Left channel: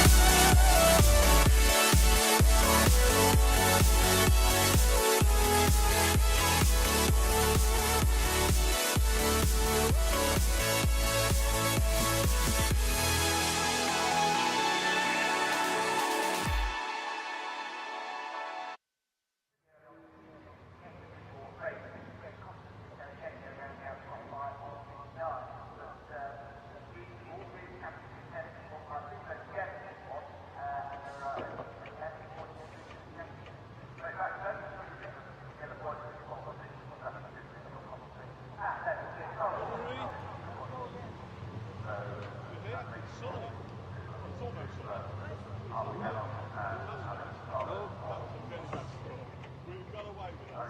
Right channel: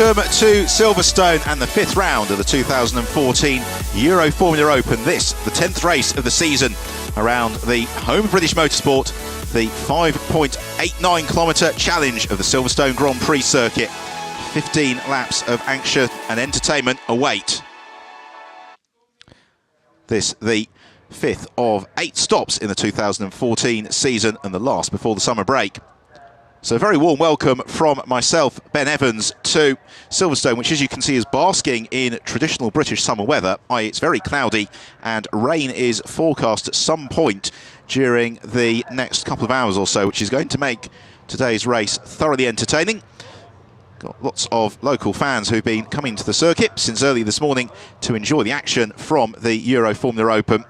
Welcome to Silverstone and the 5th round of the 2014 Euroformula Open. This, the 10th race of the season around the home of British motorsport, the 5.89 kilometre challenge of the Silverstone Grand Prix circuit. 15 laps of action and entertainment await. This, the 5th of 8 stops in the 2014 season and the last before the summer break. So a very warm welcome from myself, Ben Evans, to Silverstone, which as you can see is basking in traditional British summer weather, i.e. it's very cloudy and rain is forecast at some point during the next couple of hours or so, which is going to make today's race thoroughly entertaining. Got lots of local fans who've been coming to the circuit since early this morning to enjoy the action from the Euroformula Open.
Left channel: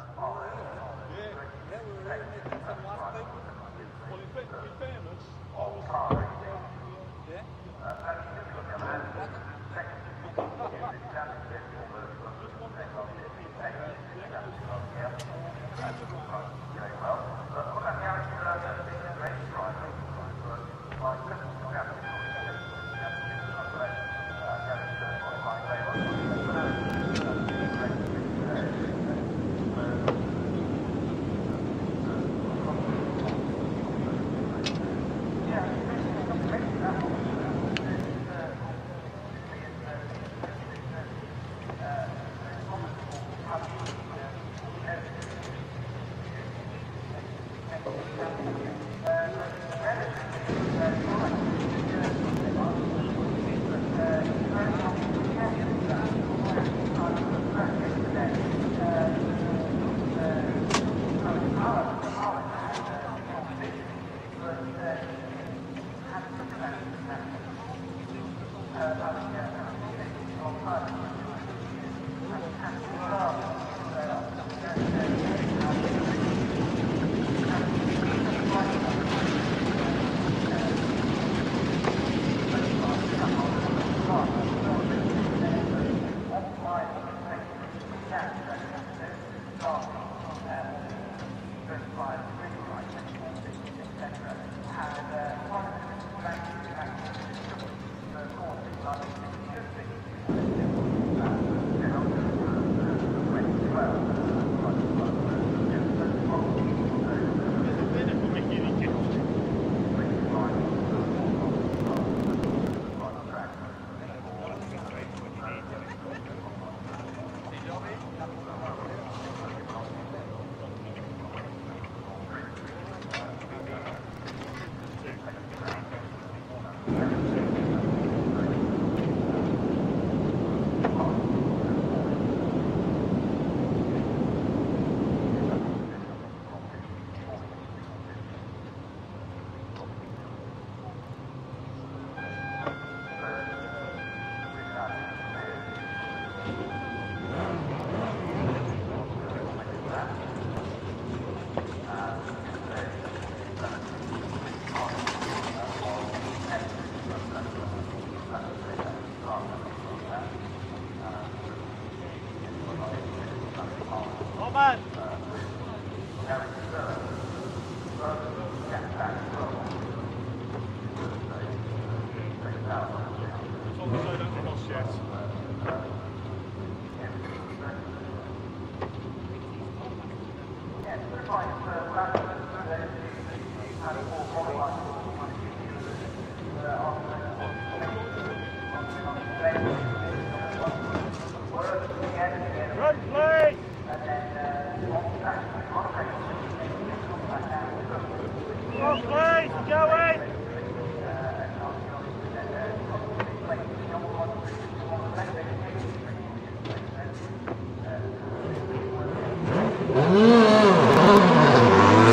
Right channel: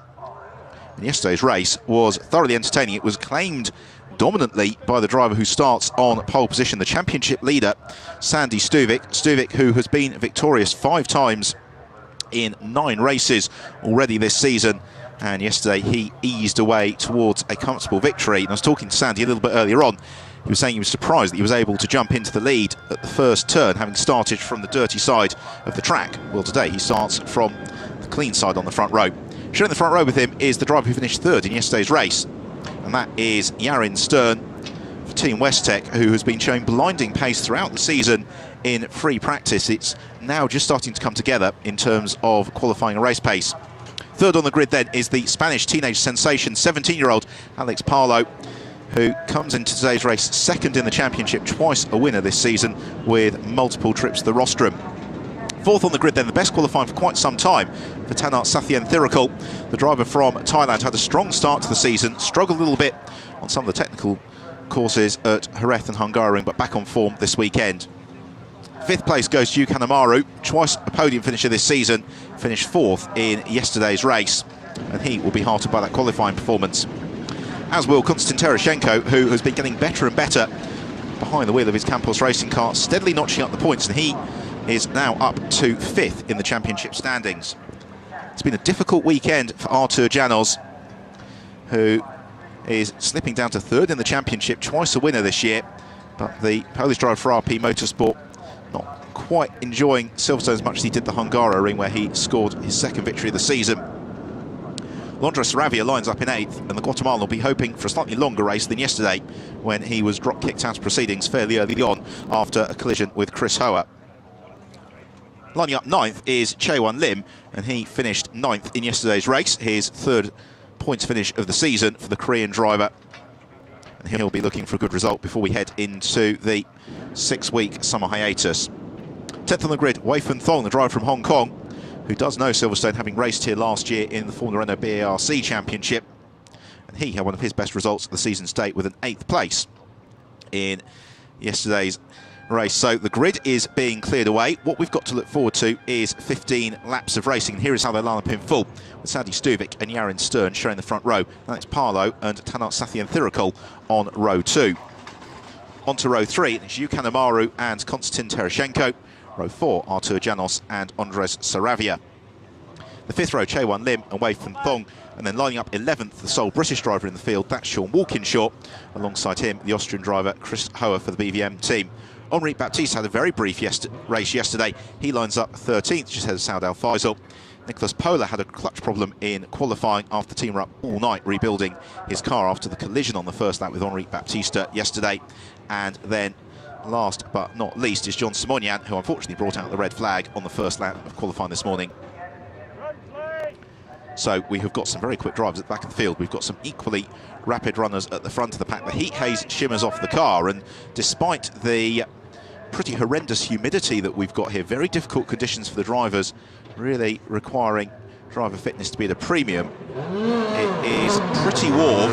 And yesterday's race was thoroughly entertaining. It was claimed dominantly by the driver who starts on pole position, the championship leader, Sandy Stuvik. Stuvik, who has been victorious 5 times in 9 races already this season. And yesterday he eased away towards a comfortable victory. And I was talking to Sandy a little bit earlier on. He was saying he was surprised that he was able to jump into the lead at the first turn, having started from the dirty side of the track. Well, today he starts from the clean side on the front row. Sharing the front row with him is the driver who finished 3rd in yesterday's race. And that is Yarin Stern for Team Westtech, who has been showing blinding pace throughout the season in free practice. It's now just starting to come together in terms of qualifying a race pace. 3rd on the grid then is the Spanish teenage sensation, 17-year-old Alex Palou, who comes into today's race 2nd in the championship, twice a winner this season with multiple trips to the rostrum. 4th on the grid then, the best qualifying for quite some time for Tanart Sathyanthirikul. The driver from Thailand had a strong start to the season, struggled a little bit on some of the technical courses at Jerez and Hungaroring, but back on form this weekend. 5th place goes to Kanemaru, twice a podium finisher this season, finished 4th in yesterday's race, and he will be heartened by that qualifying performance. As will Konstantin Tereshchenko, who has been getting better and better behind the wheel of his Campos racing car, steadily notching up the points, and he is now up to 5th in the championship standings. It's been a difficult weekend for Artur Janos, who is slipping down to 3rd in the championship, twice a winner this year, but the Polish driver for RP Motorsport not quite enjoying Silverstone as much as he did the Hungaroring, where he scored his 2nd victory of the season. Andres Saravia lines up in 8th, and the Guatemalan will be hoping for a slightly longer race than yesterday, when he was drop-kicked out of proceedings fairly early on after a collision with Chris Hoa. Lining up 9th is Chaewon Lim, and he finished 9th in yesterday's race, his 3rd points finish of the season for the Korean driver. He'll be looking for a good result before we head into the 6-week summer hiatus. 10th on the grid, Wei Fun Thong, the driver from Hong Kong, who does know Silverstone, having raced here last year in the Formula Renault BARC Championship. And he had one of his best results at the season's date with an 8th place in yesterday's race. So the grid is being cleared away. What we've got to look forward to is 15 laps of racing. Here is how they line up in full. Sandy Stuvik and Yarin Stern showing the front row. That's Palou and Tanart Sathyanthirikul on row 2. On to row 3, it's Kanemaru and Konstantin Tereshchenko. Row 4, Artur Janos and Andres Saravia. The 5th row, Chaewon Lim and Wei Fun Thong. And then lining up 11th, the sole British driver in the field, that's Sean Walkinshaw. Alongside him, the Austrian driver Chris Hoa for the BVM team. Henri Baptiste had a very brief race yesterday. He lines up 13th, just ahead of Saud Al Faisal. Nicholas Pola had a clutch problem in qualifying after the team were up all night rebuilding his car after the collision on the first lap with Henri Baptiste yesterday. And then last but not least is John Simonian, who unfortunately brought out the red flag on the first lap of qualifying this morning. So we have got some very quick drivers at the back of the field. We've got some equally rapid runners at the front of the pack. The heat haze shimmers off the car, and despite the pretty horrendous humidity that we've got here, very difficult conditions for the drivers, really requiring driver fitness to be at a premium. It is pretty warm.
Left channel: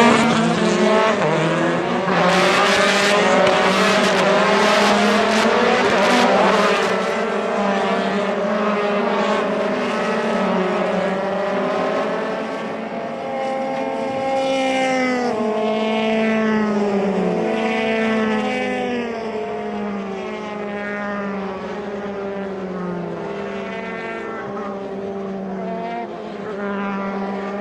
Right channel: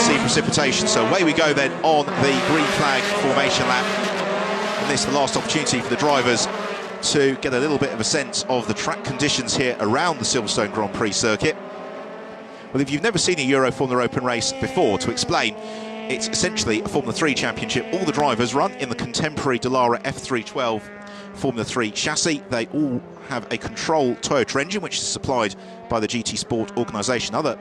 See precipitation, so away we go then on the green flag formation lap. This is the last opportunity for the drivers to get a little bit of a sense of the track conditions here around the Silverstone Grand Prix circuit. Well, if you've never seen a Euroformula Open race before, to explain, it's essentially a Formula 3 championship. All the drivers run in the contemporary Dallara F312 Formula 3 chassis. They all have a control Toyota engine, which is supplied by the GT Sport organisation. Other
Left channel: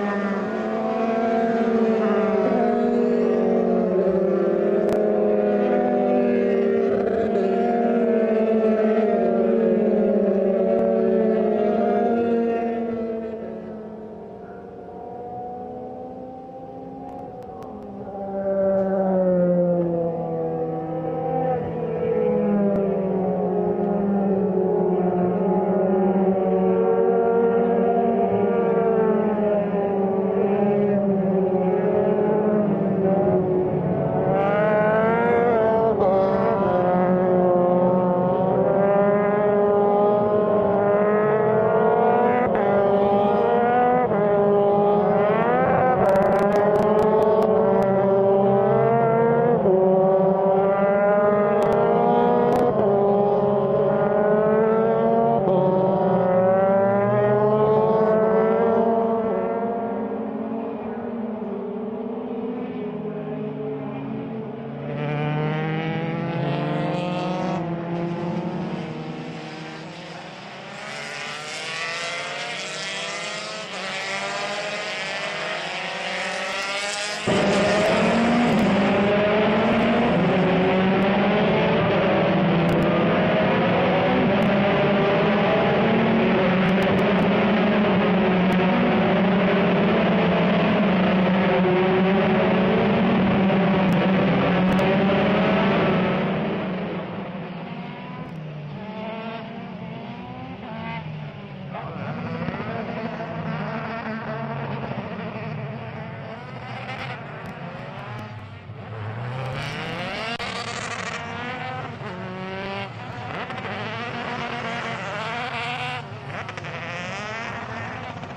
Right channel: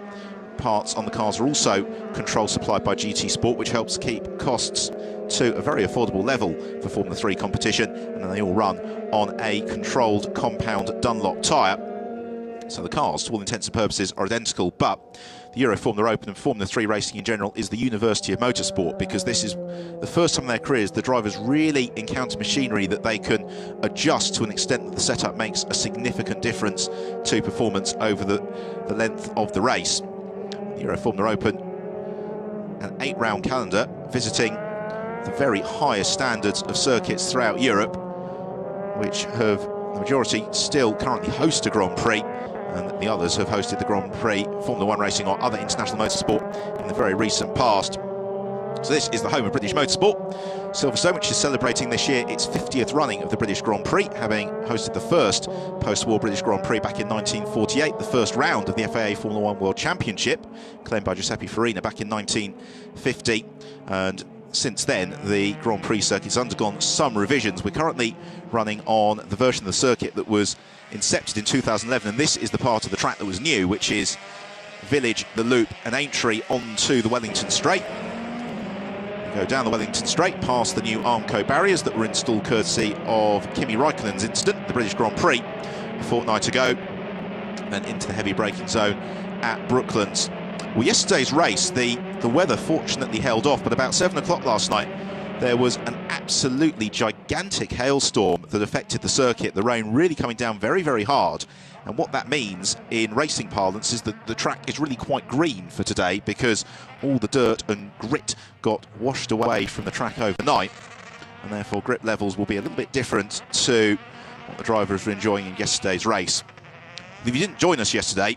parts on the cars are also control supplied by GT Sport, which helps keep costs to a very affordable level for Formula 3 competition. and they all run on a controlled compound Dunlop tyre. So the cars, to all intents and purposes, are identical, but the Euroformula Open and Formula 3 racing in general is the University of Motorsport, because this is the first time in their careers the drivers really encounter machinery that they can adjust to an extent that the setup makes a significant difference to performance over the length of the race. The Euroformula Open, an 8-round calendar, visiting the very highest standards of circuits throughout Europe, which have the majority still currently host a Grand Prix, and the others have hosted the Grand Prix, Formula 1 racing or other international motorsport in the very recent past. So this is the home of British motorsport. Silverstone, which is celebrating this year its 50th running of the British Grand Prix, having hosted the first post-war British Grand Prix back in 1948, the first round of the FIA Formula 1 World Championship, claimed by Giuseppe Farina back in 1950. And since then, the Grand Prix circuit's undergone some revisions. We're currently running on the version of the circuit that was incepted in 2011, and this is the part of the track that was new, which is Village, the Loop and Aintree onto the Wellington Straight. Go down the Wellington Straight, past the new Armco barriers that were installed courtesy of Kimi Raikkonen's incident, the British Grand Prix, a fortnight ago, and into the heavy braking zone at Brooklands. Well, yesterday's race, the weather fortunately held off, but about 7 o'clock last night, there was an absolutely gigantic hailstorm that affected the circuit, the rain really coming down very, very hard. And what that means in racing parlance is that the track is really quite green for today, because all the dirt and grit got washed away from the track overnight, and therefore grip levels will be a little bit different to the drivers who were enjoying yesterday's race. If you didn't join us yesterday,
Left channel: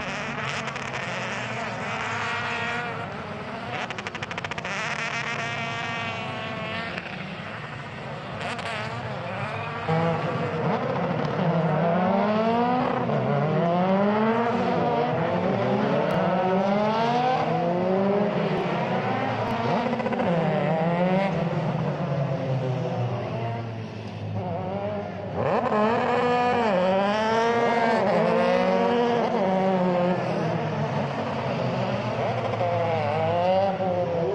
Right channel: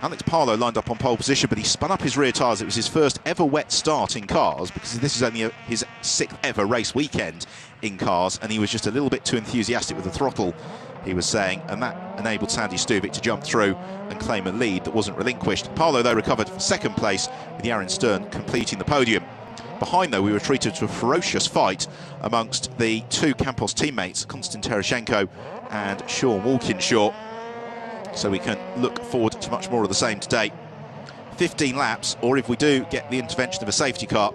Alex Palou lined up on pole position, but he spun up his rear tyres. It was his first ever wet start in cars, because this is only his 6th ever race weekend in cars, and he was just a little bit too enthusiastic with the throttle, he was saying, and that enabled Sandy Stuvik to jump through and claim a lead that wasn't relinquished. Palou, though, recovered from 2nd place, with Yaron Stern completing the podium. Behind, though, we were treated to a ferocious fight amongst the 2 Campos teammates, Konstantin Tereshchenko and Sean Walkinshaw. So we can look forward to much more of the same today. 15 laps, or if we do get the intervention of a safety car,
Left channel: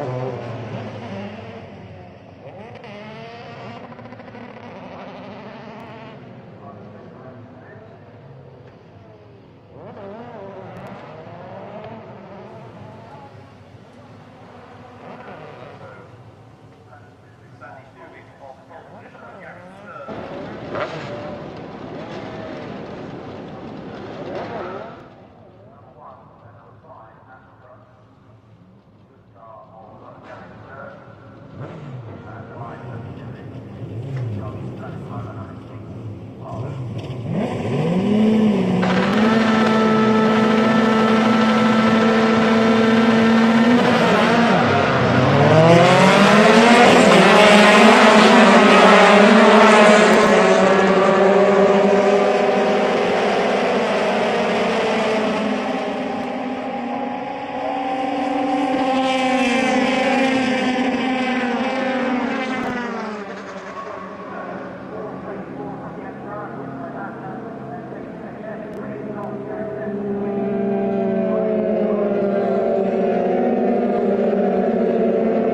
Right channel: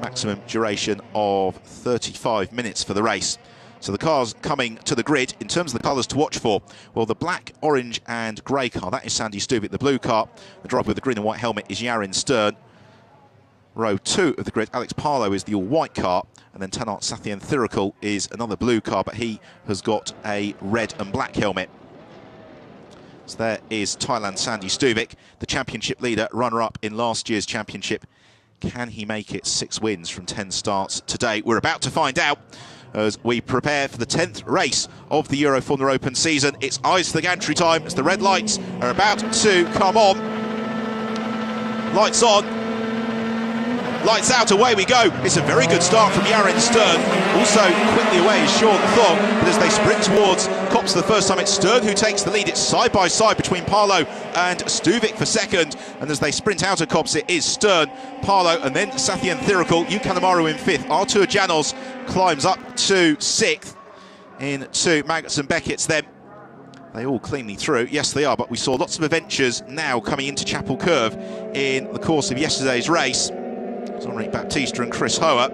maximum duration of 35 minutes for the race. So the cars coming to the grid, in terms of the colours to watch for, well, the black, orange and grey car, that is Sandy Stuvik. The blue car, the driver with the green and white helmet, is Yaron Stern. Row 2 of the grid, Alex Palou is the all-white car, and then Tanart Sathian Thirikul is another blue car, but he has got a red and black helmet. So there is Thailand's Sandy Stuvik, the championship leader, runner-up in last year's championship. Can he make it 6 wins from 10 starts today? We're about to find out as we prepare for the 10th race of the Euroformula Open season. It's eyes to the gantry time as the red lights are about to come on. Lights on, lights out, away we go. It's a very good start from Yaron Stern. Also, as they sprint towards comps for the first time, it's Stern who takes the lead. It's side by side between Palou and Stuvik for 2nd. And as they sprint out of Kops, it is Stern, Palou, and then Sathian Thirikul, Yukanamaru in 5th. Artur Janos climbs up to 6th into Magnussen Beckett's then. They all cleanly through. Yes, they are, but we saw lots of adventures now coming into Chapel Curve in the course of yesterday's race. So Rick Baptista and Chris Hoare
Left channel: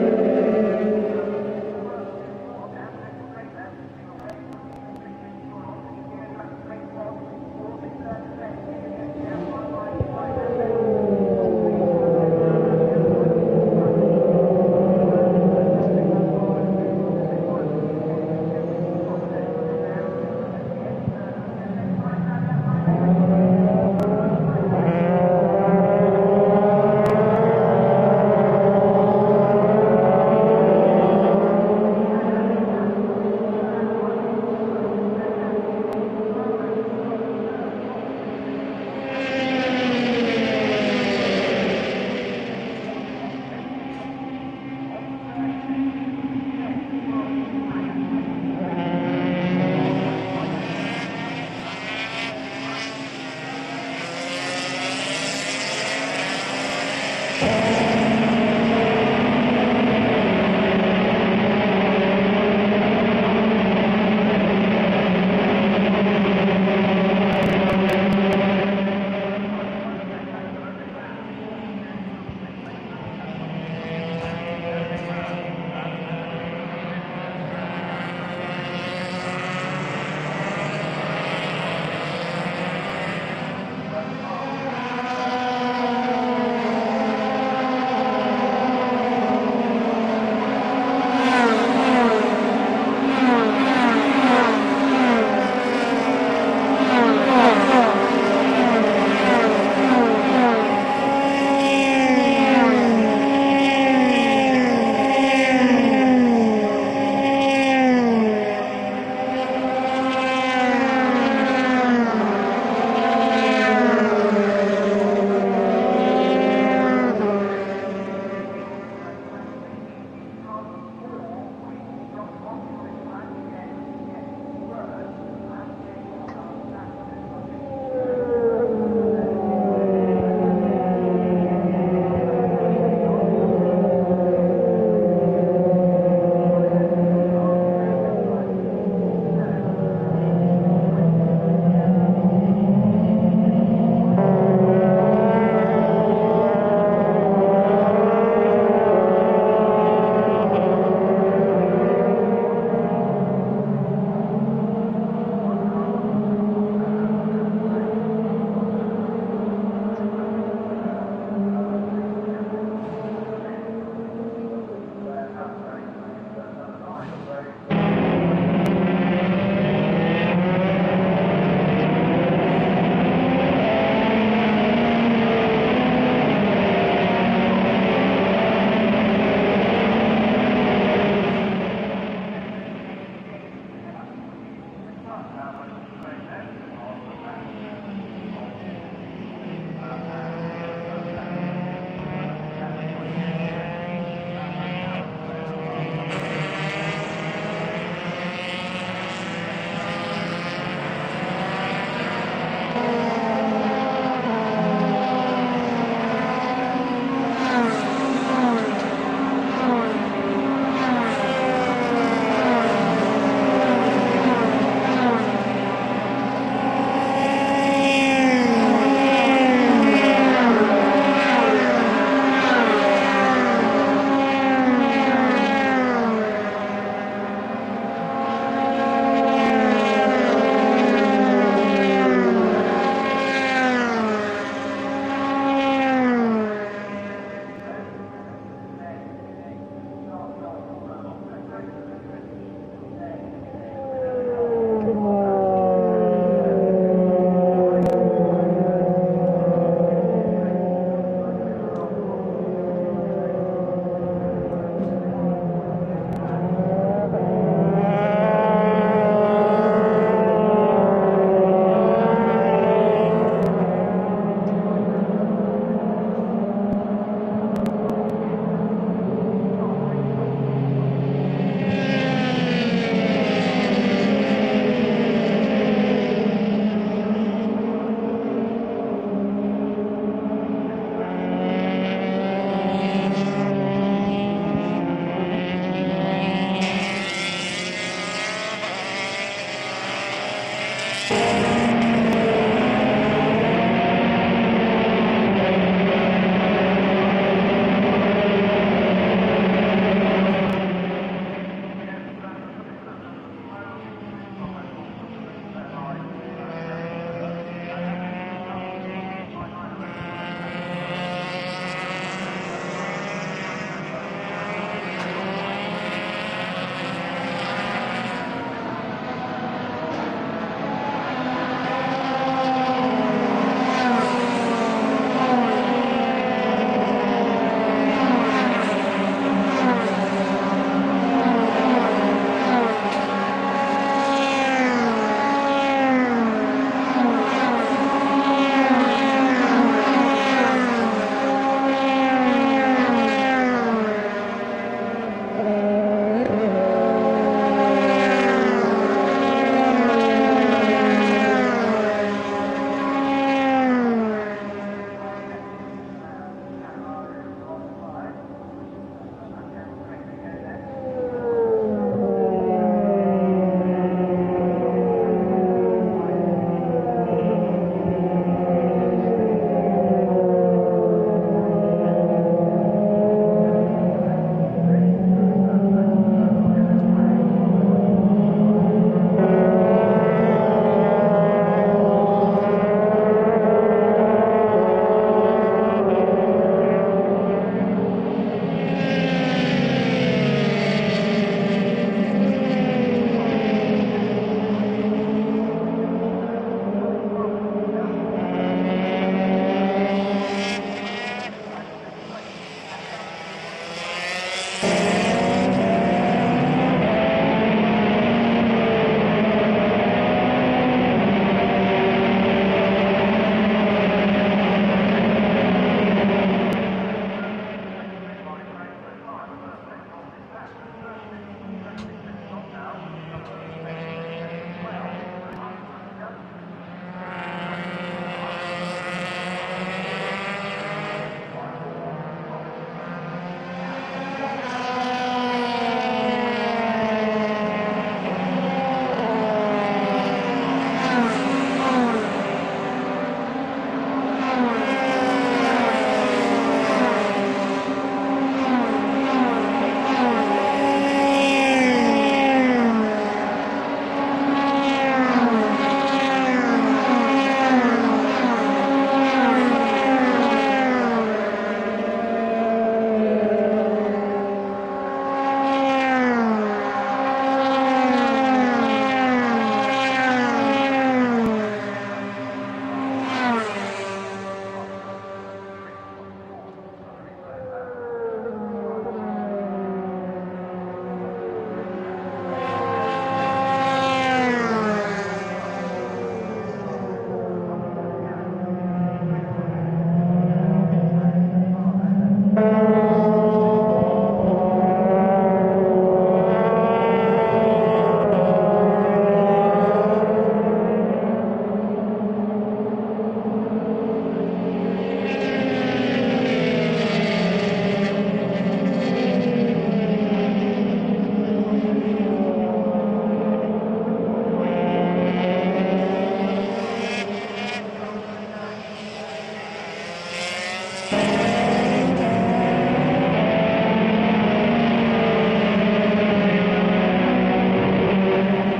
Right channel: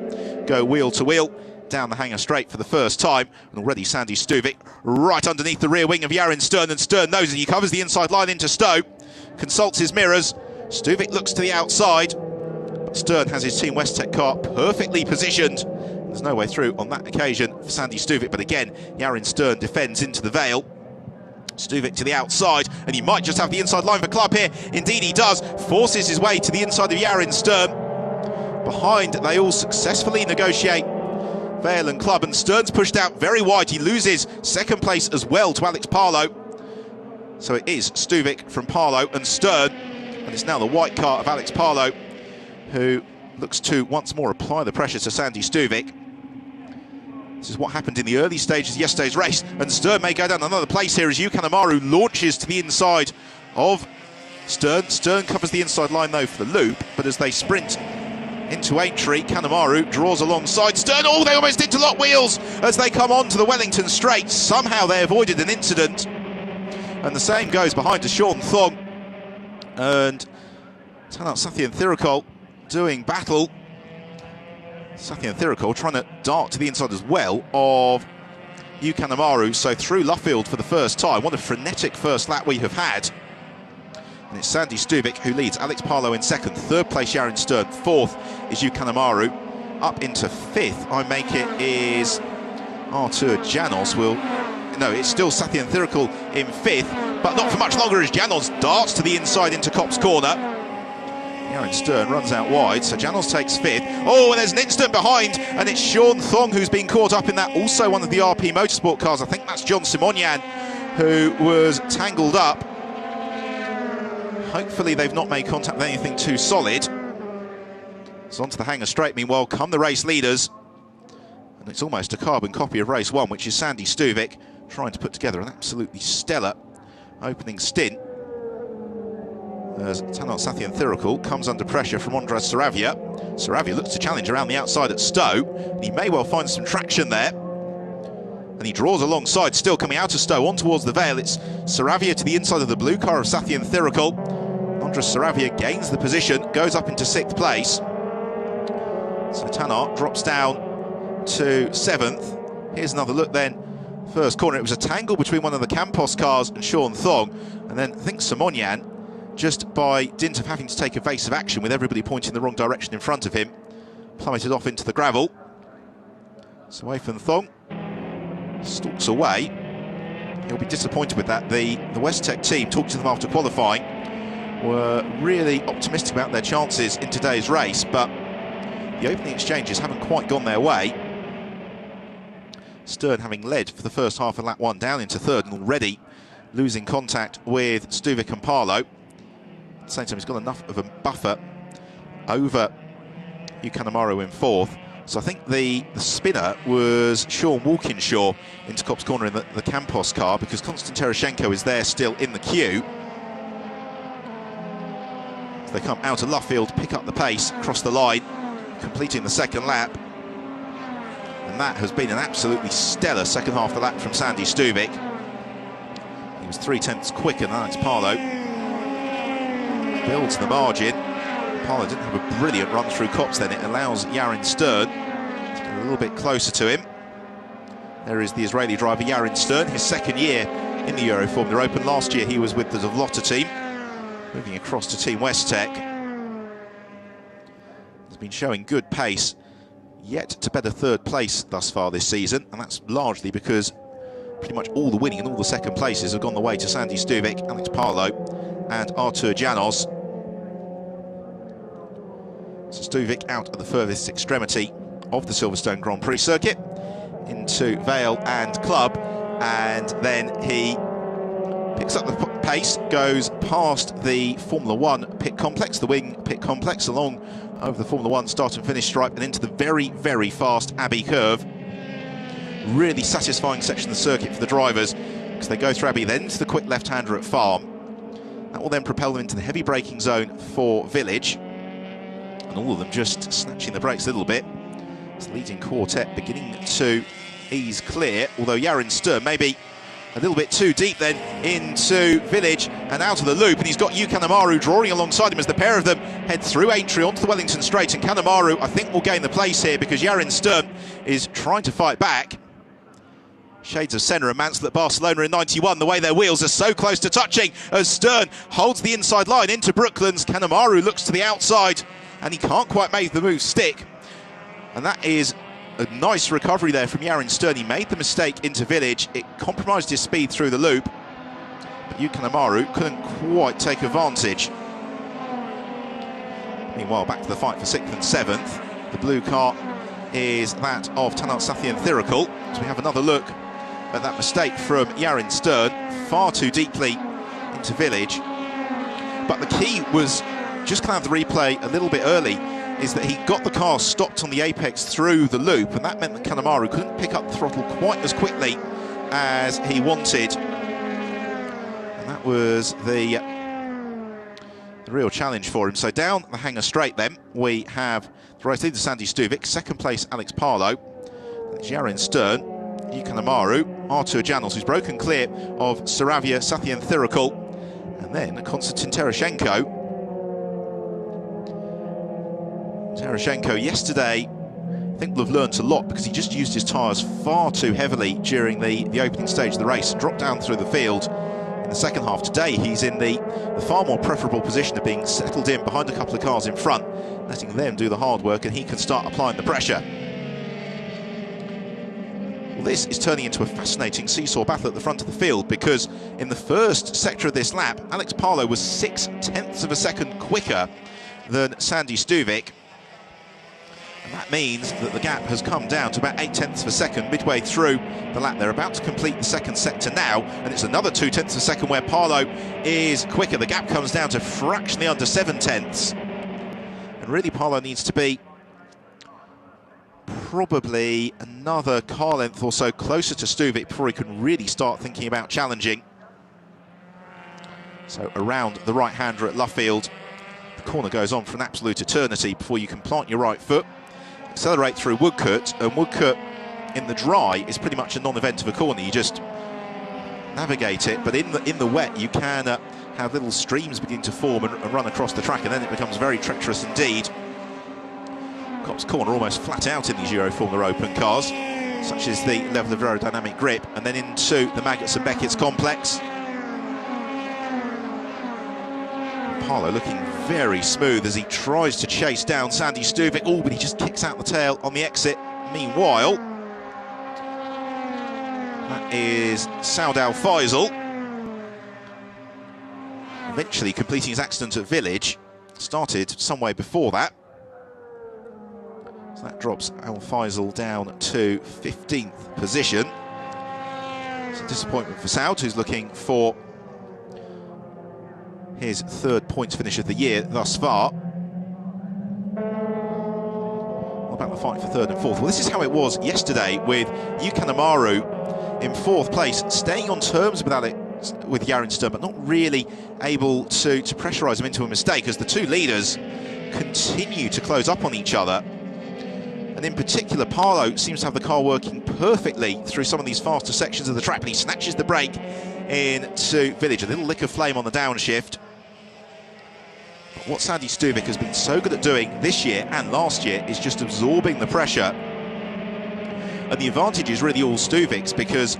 go wheel to wheel down the hanger straight for the first time. And already Sandy Stuvik right underneath the rear wing of Yaron Stern, and Stern knows it. He covers the inside line into Stowe, consults his mirrors. Stuvik looks to the outside. Stern has his Team Westtech car perfectly positioned. There's no way through on that occasion for Sandy Stuvik, but again, Yaron Stern defends into the Vale. Stuvik to the outside, and he might just have the inside line for Club here. Indeed he does. Forces his way to the inside of Yaron Stern. Behind, they all successfully negotiate Vale and Club, and Stern's pushed out very wide. He loses 2nd place as well to Alex Palou. So it is Stuvik from Palou, and Stern is now the white car of Alex Palou, who looks to once more apply the pressure to Sandy Stuvik. This is what happened in the early stages of yesterday's race, and Stern may go down another place here as Yukanamaru launches to the inside of Stern. Stern covers the inside line though for the loop, but as they sprint into Aintree, Kanemaru draws alongside Stern. Oh, they almost interlock wheels as they come on to the Wellington Straight. Somehow they avoided an incident, and the same goes behind to Sean Thog and Tanart Sathian Thirikul doing battle. Sathian Thirikul trying to dart to the inside as well of Yukanamaru, so through Luffield for the first time. What a frenetic first lap we have had. It's Sandy Stuvik who leads, Alex Parlow in second, third place Yaron Stern, fourth is Yukanamaru. Up into fifth, I make it, is Artur Janos. No, it's still Sathian Thirikul in fifth, but not for much longer as Janos darts to the inside into Cops corner. Yaron Stern runs out wide, so Janos takes fifth. Oh, and there's Nexton behind, and it's Sean Thong who's been caught up in that, also one of the RP Motorsport cars. I think that's John Simonyan who was tangled up. Hopefully they've not made contact with anything too solid. It's onto the hanger straight, meanwhile come the race leaders. It's almost a carbon copy of race one, which is Sandy Stuvik trying to put together an absolutely stellar opening stint. As Tanat Sathian Thirikul comes under pressure from Andres Saravia. Saravia looks to challenge around the outside at Stowe. He may well find some traction there. And he draws alongside, still coming out of Stowe on towards the Vale. It's Saravia to the inside of the blue car of Sathian Thirikul. Andres Saravia gains the position, goes up into sixth place. So Tanat drops down to seventh. Here's another look then. First corner, it was a tangle between one of the Campos cars and Sean Thong. And then I think Simonyan, just by dint of having to take evasive action with everybody pointing the wrong direction in front of him, plummeted off into the gravel. Swathan Thong stalks away. He'll be disappointed with that. The West Tech team talked to them after qualifying. Were really optimistic about their chances in today's race, but the opening exchanges haven't quite gone their way. Stern having led for the first half of lap one, down into third, and already losing contact with Stuvik and Parlow. Sainton's got enough of a buffer over Yukanamaru in fourth. So I think the spinner was Sean Walkinshaw into Cops corner in the Campos car, because Konstantin Terashenko is there still in the queue. They come out of Luffield, pick up the pace across the line, completing the second lap. And that has been an absolutely stellar second half of the lap from Sandy Stuvik. He's 3/10 quicker than Alex Parlow. Builds the margin. Parlow's a brilliant run through Cops, then it allows Yaron Stern a little bit closer to him. There is the Israeli driver Yaron Stern, his second year in the Euroformula Open. Last year he was with the Lotta team, moving across to Team West Tech. He's been showing good pace, yet to better third place thus far this season, and that's largely because pretty much all the winning and all the second places have gone the way to Sandy Stuvik, Alex Parlow and Artur Janos. So Stuvik out at the furthest extremity of the Silverstone Grand Prix circuit, into Vale and Club, and then he picks up the pace, goes past the Formula One pit complex, the wing pit complex, along over the Formula One start and finish stripe, and into the very, very fast Abbey curve. Really satisfying section of the circuit for the drivers, because they go through Abbey, then to the quick left-hander at Farm. That will then propel them into the heavy braking zone for Village. All of them just snatching the brakes a little bit. It's the leading quartet beginning to ease clear, although Yaron Stern maybe a little bit too deep then into Village and out of the loop, and he's got Yukanamaru drawing alongside him as the pair of them head through Aintree onto the Wellington Straight, and Kanemaru I think will gain the place here, because Yaron Stern is trying to fight back. Shades of Senna and Mansell at Barcelona in '91, the way their wheels are so close to touching as Stern holds the inside line into Brooklands. Kanemaru looks to the outside and he can't quite make the move stick. And that is a nice recovery there from Yaron Stern. He made the mistake into Village, it compromised his speed through the loop. Yukanamaru couldn't quite take advantage. Meanwhile, back to the fight for 6th and 7th. The blue car is that of Tanat Sathian Thirikul. So we have another look at that mistake from Yaron Stern, far too deeply into Village. But the key was, just glad the replay a little bit early, is that he got the car stopped on the apex through the loop, and that meant that Kanemaru couldn't pick up the throttle quite as quickly as he wanted. That was the real challenge for him. So down the hanger straight then, we have the race leader Sandy Stuvik, second place Alex Parlow, Yaron Stern, Yukanamaru, Artur Janos, who's broken clear of Saravia, Sathian Thirikul, and then Konstantin Terashenko. Terashenko yesterday, I think will have learnt a lot, because he just used his tyres was far too heavily during the opening stage of the race, dropped down through the field. In the second half today, he's in the far more preferable position of being settled in behind a couple of cars in front, letting them do the hard work, and he can start applying the pressure. This is turning into a fascinating seesaw battle at the front of the field, because in the first sector of this lap, Alex Palou was 0.6 of a second quicker than Sandy Stuvik. That means that the gap has come down to about 0.8 of a second midway through the lap. They're about to complete the second sector now, and it's another 0.2 of a second where Palou is quicker. The gap comes down to fractionally under 0.7. And really, Palou needs to be probably another car length or so closer to Stuvik before he could really start thinking about challenging. So around the right-hander at Luffield, the corner goes on for an absolute eternity before you can plant your right foot, accelerate through Woodcote, and Woodcote in the dry is pretty much a non-event of a corner. You just navigate it, but in the wet you can have little streams begin to form and run across the track, and then it becomes very treacherous indeed. This corner almost flat out in these Euroformula Open cars, such as the level of aerodynamic grip, and then into the Magnus and Beckett's complex. Smooth as he tries to chase down Sandy Stuvik. Oh, but he just kicks out the tail on the exit. Meanwhile, is Saud Al Faisal, literally completing his accident at Village. Started some way before that. So that drops Al Faisal down to 15th position. Disappointment for Saud, who's looking for his third points finish of the year thus far. About the fight for third and fourth. Well, this is how it was yesterday with Yuka Namaru in fourth place, staying on terms with Yarenstern, but not really able to pressurise him into a mistake, as the two leaders continue to close up on each other. And in particular, Palou seems to have the car working perfectly through some of these faster sections of the track, but he snatches the brake into Village. A little lick of flame on the downshift. What Sandy Stuvik has been so good at doing this year and last year is just absorbing the pressure. And the advantage is really all Stuvik's, because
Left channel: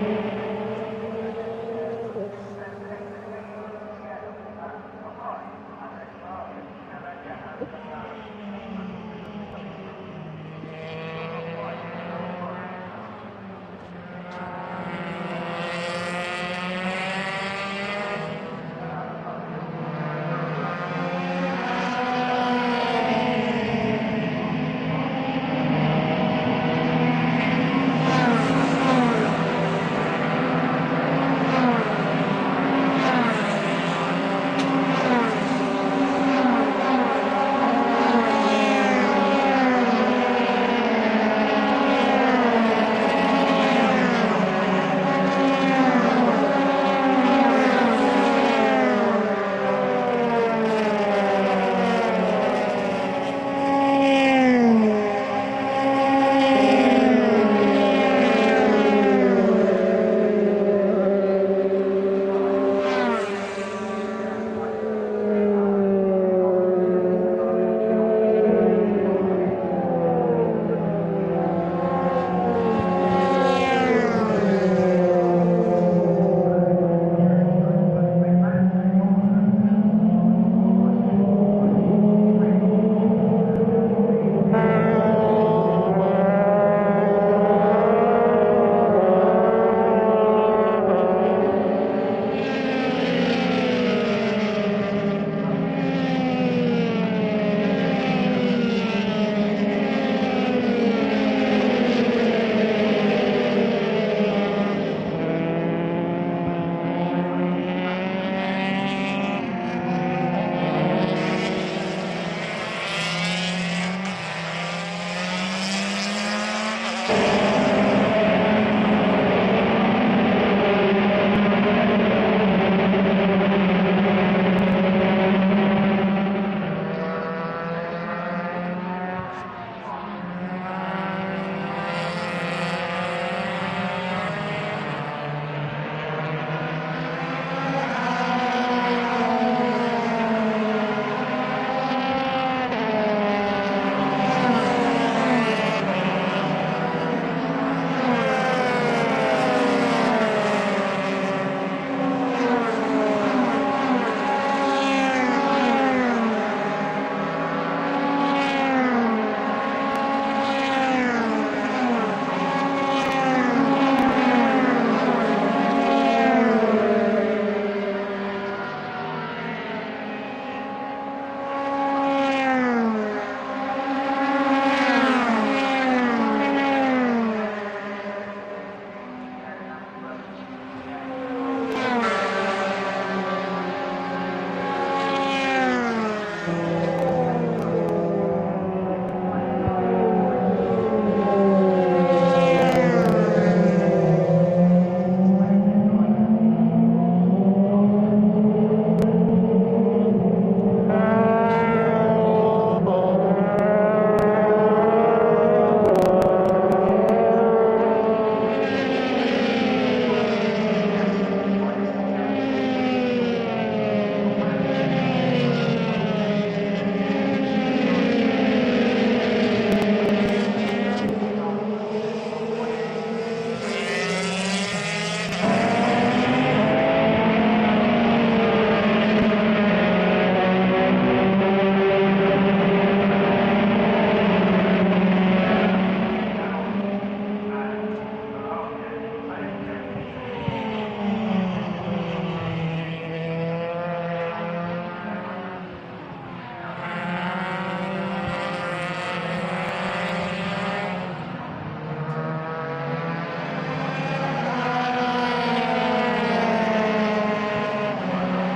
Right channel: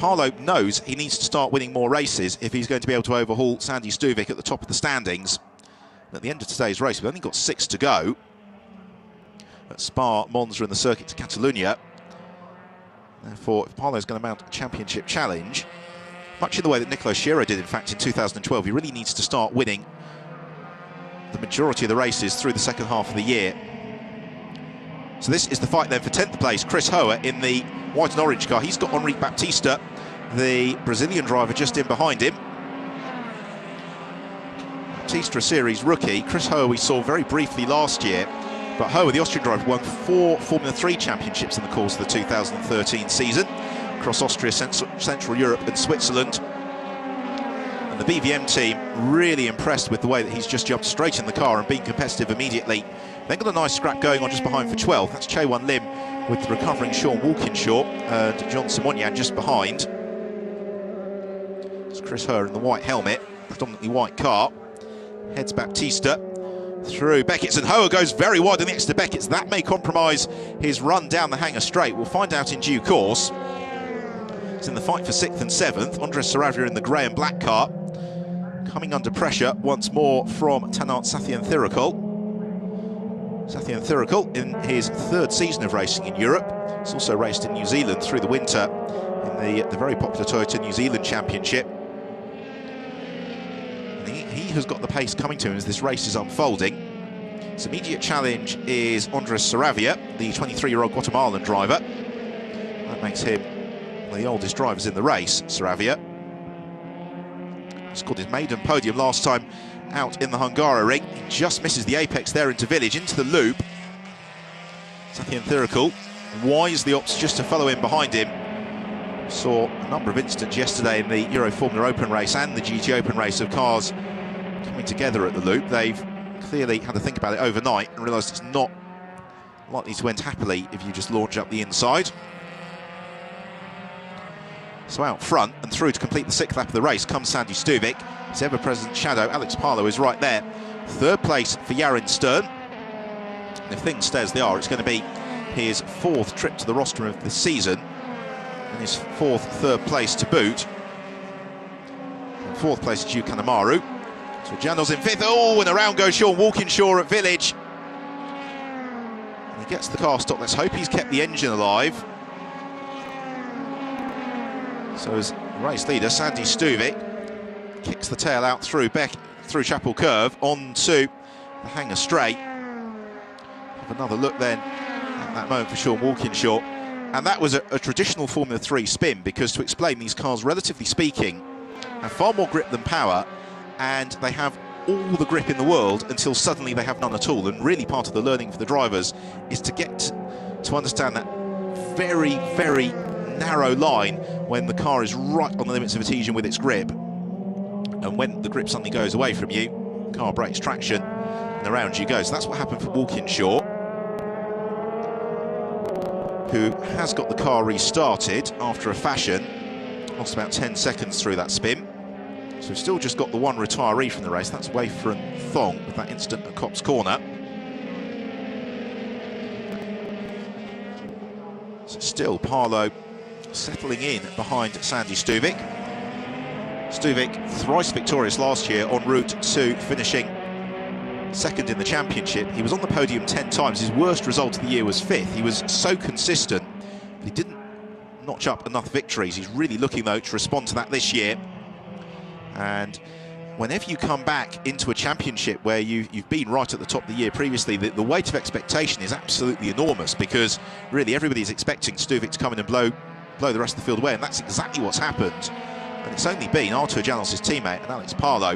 Palou knows he needs to start winning more races if he's going to be able to overhaul Sandy Stuvik at the top of the standings. At the end of today's race, we've only got 6 to go. At Spa, Monza and the Circuit to Catalunya. Therefore, if Palou's going to mount a championship challenge, much in the way that Nicolas Schiro did, in fact, in 2012, he really needs to start winning the majority of the races through the second half of the year. So this is the fight then for 10th place. Chris Hoare in the white and orange car. He's got Henrique Baptista, the Brazilian driver, just in behind him. Baptista, a series rookie. Chris Hoare we saw very briefly last year. But Hoare, the Austrian driver, won 4 Formula 3 championships in the course of the 2013 season, across Austria, Central Europe and Switzerland. The BVM team really impressed with the way that he's just jumped straight in the car and been competitive immediately. They've got a nice scrap going on just behind for 12th. That's Chaewon Lim with the recovering Sean Walkinshaw, and John Sawonian just behind. It's Chris Hoare in the white helmet, predominantly white car. Heads Baptista through Beckett's, and Hoare goes very wide on the exit to Beckett's. That may compromise his run down the Hangar Straight. We'll find out in due course. It's in the fight for 6th and 7th. Andres Saravia in the grey and black car, coming under pressure once more from Tanart Sathienthirakul. Sathienthirakul in his 3rd season of racing in Europe. He's also raced in New Zealand through the winter in the very popular Toyota New Zealand Championship. He has got the pace coming to him as this race is unfolding. His immediate challenge is Andres Saravia, the 23-year-old Guatemalan driver. That makes him the oldest drivers in the race. Saravia scored his maiden podium last time out in the Hungaroring. Just misses the apex there into Village, into the loop. Sathienthirakul wisely opts just to follow in behind him. Saw a number of incidents yesterday in the Euroformula Open race and the GT Open race of cars coming together at the loop. They've clearly had to think about it overnight and realised it's not likely to end happily if you just launch up the inside. So out front and through to complete the 6th lap of the race comes Sandy Stuvik. His ever-present shadow, Alex Palou, is right there. 3rd place for Yarenstern. If things stay as they are, it's going to be his 4th trip to the rostrum of the season. His 4th third place to boot. 4th place to Kanemaru. Jandel's in 5th. Oh, and around goes Sean Walkinshaw at Village. He gets the car stopped. Let's hope he's kept the engine alive. So his race leader, Sandy Stuvik, kicks the tail out through through Chapel Curve onto the Hanger Straight. Another look then at that moment for Sean Walkinshaw. And that was a traditional Formula 3 spin, because to explain, these cars, relatively speaking, have far more grip than power, and they have all the grip in the world until suddenly they have none at all. And really part of the learning for the drivers is to get to understand that very, very narrow line when the car is right on the limits of adhesion with its grip. And when the grip suddenly goes away from you, the car breaks traction and around you goes. That's what happened for Walkinshaw, who has got the car restarted after a fashion. Lost about 10 seconds through that spin. So we've still just got the one retiree from the race. That's away from Thong, that incident at Cops Corner. So still Parlow settling in behind Sandy Stuvik. Stuvik, thrice victorious last year, en route to finishing 2nd in the championship. He was on the podium 10 times. His worst result of the year was 5th. He was so consistent. He didn't notch up enough victories. He's really looking, though, to respond to that this year. And whenever you come back into a championship where you've been right at the top of the year previously, the weight of expectation is absolutely enormous, because really everybody's expecting Stuvik to come in and blow the rest of the field away, and that's exactly what's happened. It's only been Artur Janss's teammate, Alex Parlow,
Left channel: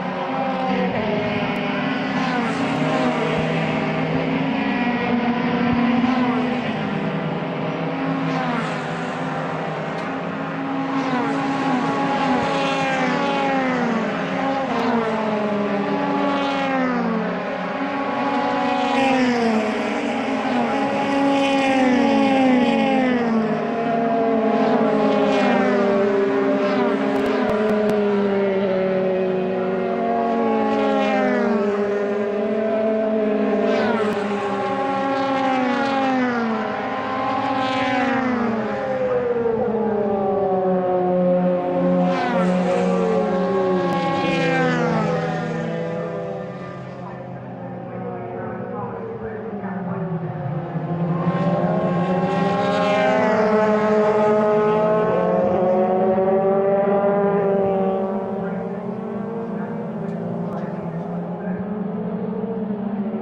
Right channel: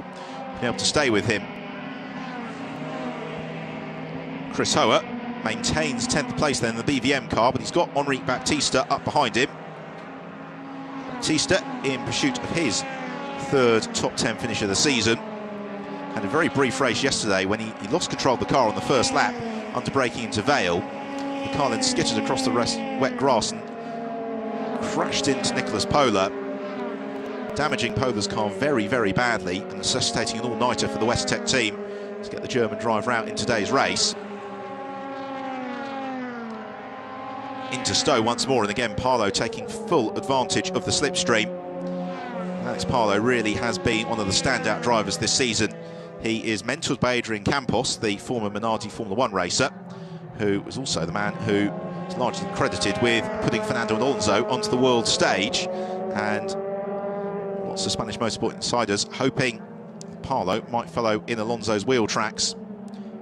able to stay with him. Chris Hoare maintains 10th place then in the BVM car, but he's got Henri Baptista up behind him. Baptista in pursuit of his 3rd top 10 finish of the season. And a very brief race yesterday when he lost control of the car on the first lap after braking into Vale. The car then skittered across the wet grass and crashed into Nicholas Pola, damaging Pola's car very, very badly, necessitating an all-nighter for the West Tech team to get the German driver out in today's race. Into Stowe once more, and again Parlow taking full advantage of the slipstream. As Parlow really has been one of the standout drivers this season. He is mentored by Adrian Campos, the former Minardi Formula 1 racer, who was also the man who is largely credited with putting Fernando Alonso onto the world stage. And lots of Spanish motorsport insiders hoping Parlow might follow in Alonso's wheel tracks,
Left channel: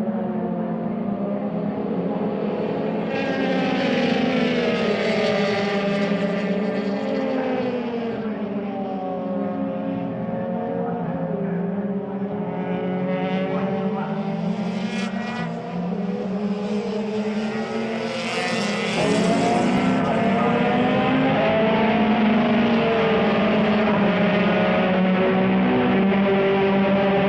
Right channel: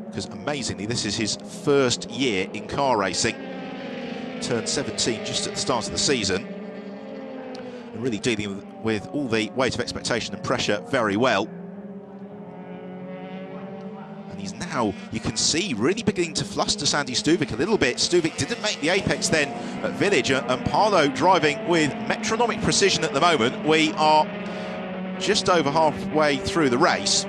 because amazingly this is his 1st year in car racing. Turned 17 just at the start of the season. Really dealing with all the weight of expectation and pressure very well. He's now, you can see, really beginning to fluster Sandy Stuvik a little bit. Stuvik didn't make the apex then at Village, and Parlow driving with metronomic precision at the moment. We are just over halfway through the race.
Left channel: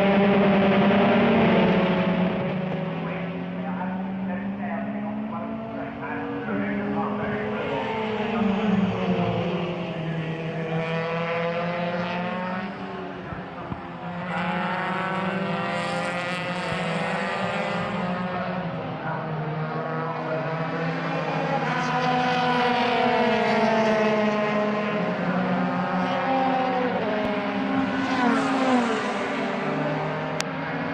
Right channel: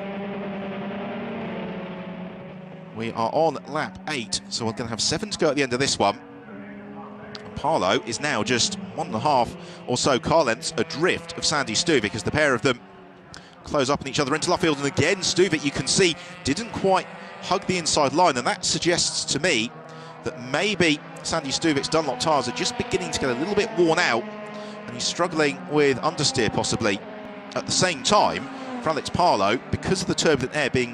We are on lap 8, so we're going to have 7 to go at the end of this one. Parlow is now just 1.5 or so car lengths adrift of Sandy Stuvik as the pair of them close up on each other into left field. And again, Stuvik, you can see, didn't quite hug the inside line, and that suggests to me that maybe Sandy Stuvik's Dunlop tyres are just beginning to get a little bit worn out. He's struggling with understeer possibly. At the same time, Alex Parlow, because of the turbulent air being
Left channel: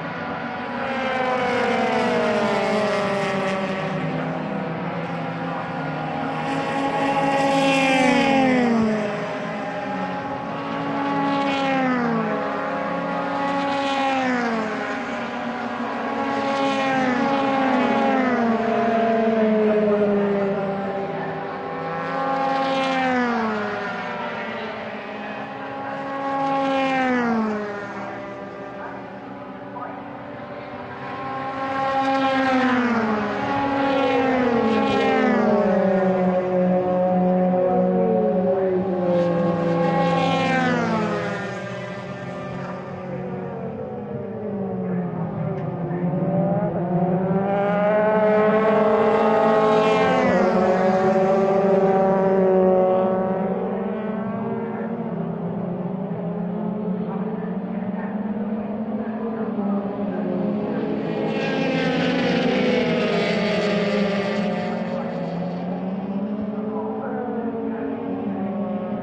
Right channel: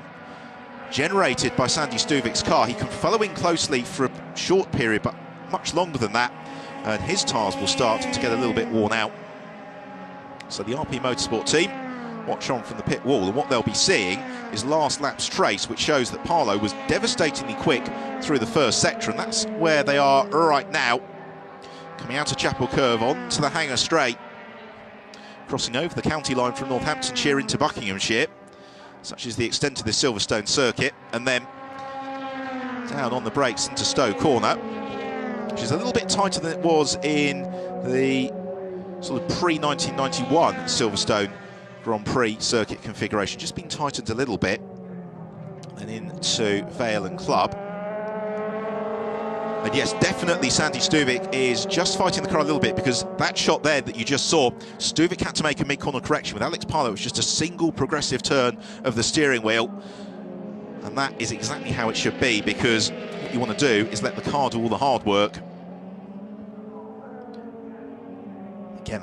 generated by Sandy Stuvik's car, he can follow in closely for a short period, but much longer than that, and his tyres will start to get a little bit worn out. So the RP Motorsport team watch on from the pit wall, and what they'll be seeing is last lap's trace, which shows that Parlow was devastatingly quick through the first sector, and that's where they are right now. Coming out of Chapel Curve on to the Hanger Straight, crossing over the county line from Northamptonshire into Buckinghamshire, such is the extent of the Silverstone circuit, and then down on the brakes into Stowe Corner, which is a little bit tighter than it was in the sort of pre-1991 Silverstone Grand Prix circuit configuration, just been tightened a little bit, and into Vale and Club. And yes, definitely Sandy Stuvik is just fighting the car a little bit, because that shot there that you just saw, Stuvik had to make a mid-corner correction. With Alex Parlow, it was just a single progressive turn of the steering wheel. And that is exactly how it should be, because what you want to do is let the car do all the hard work.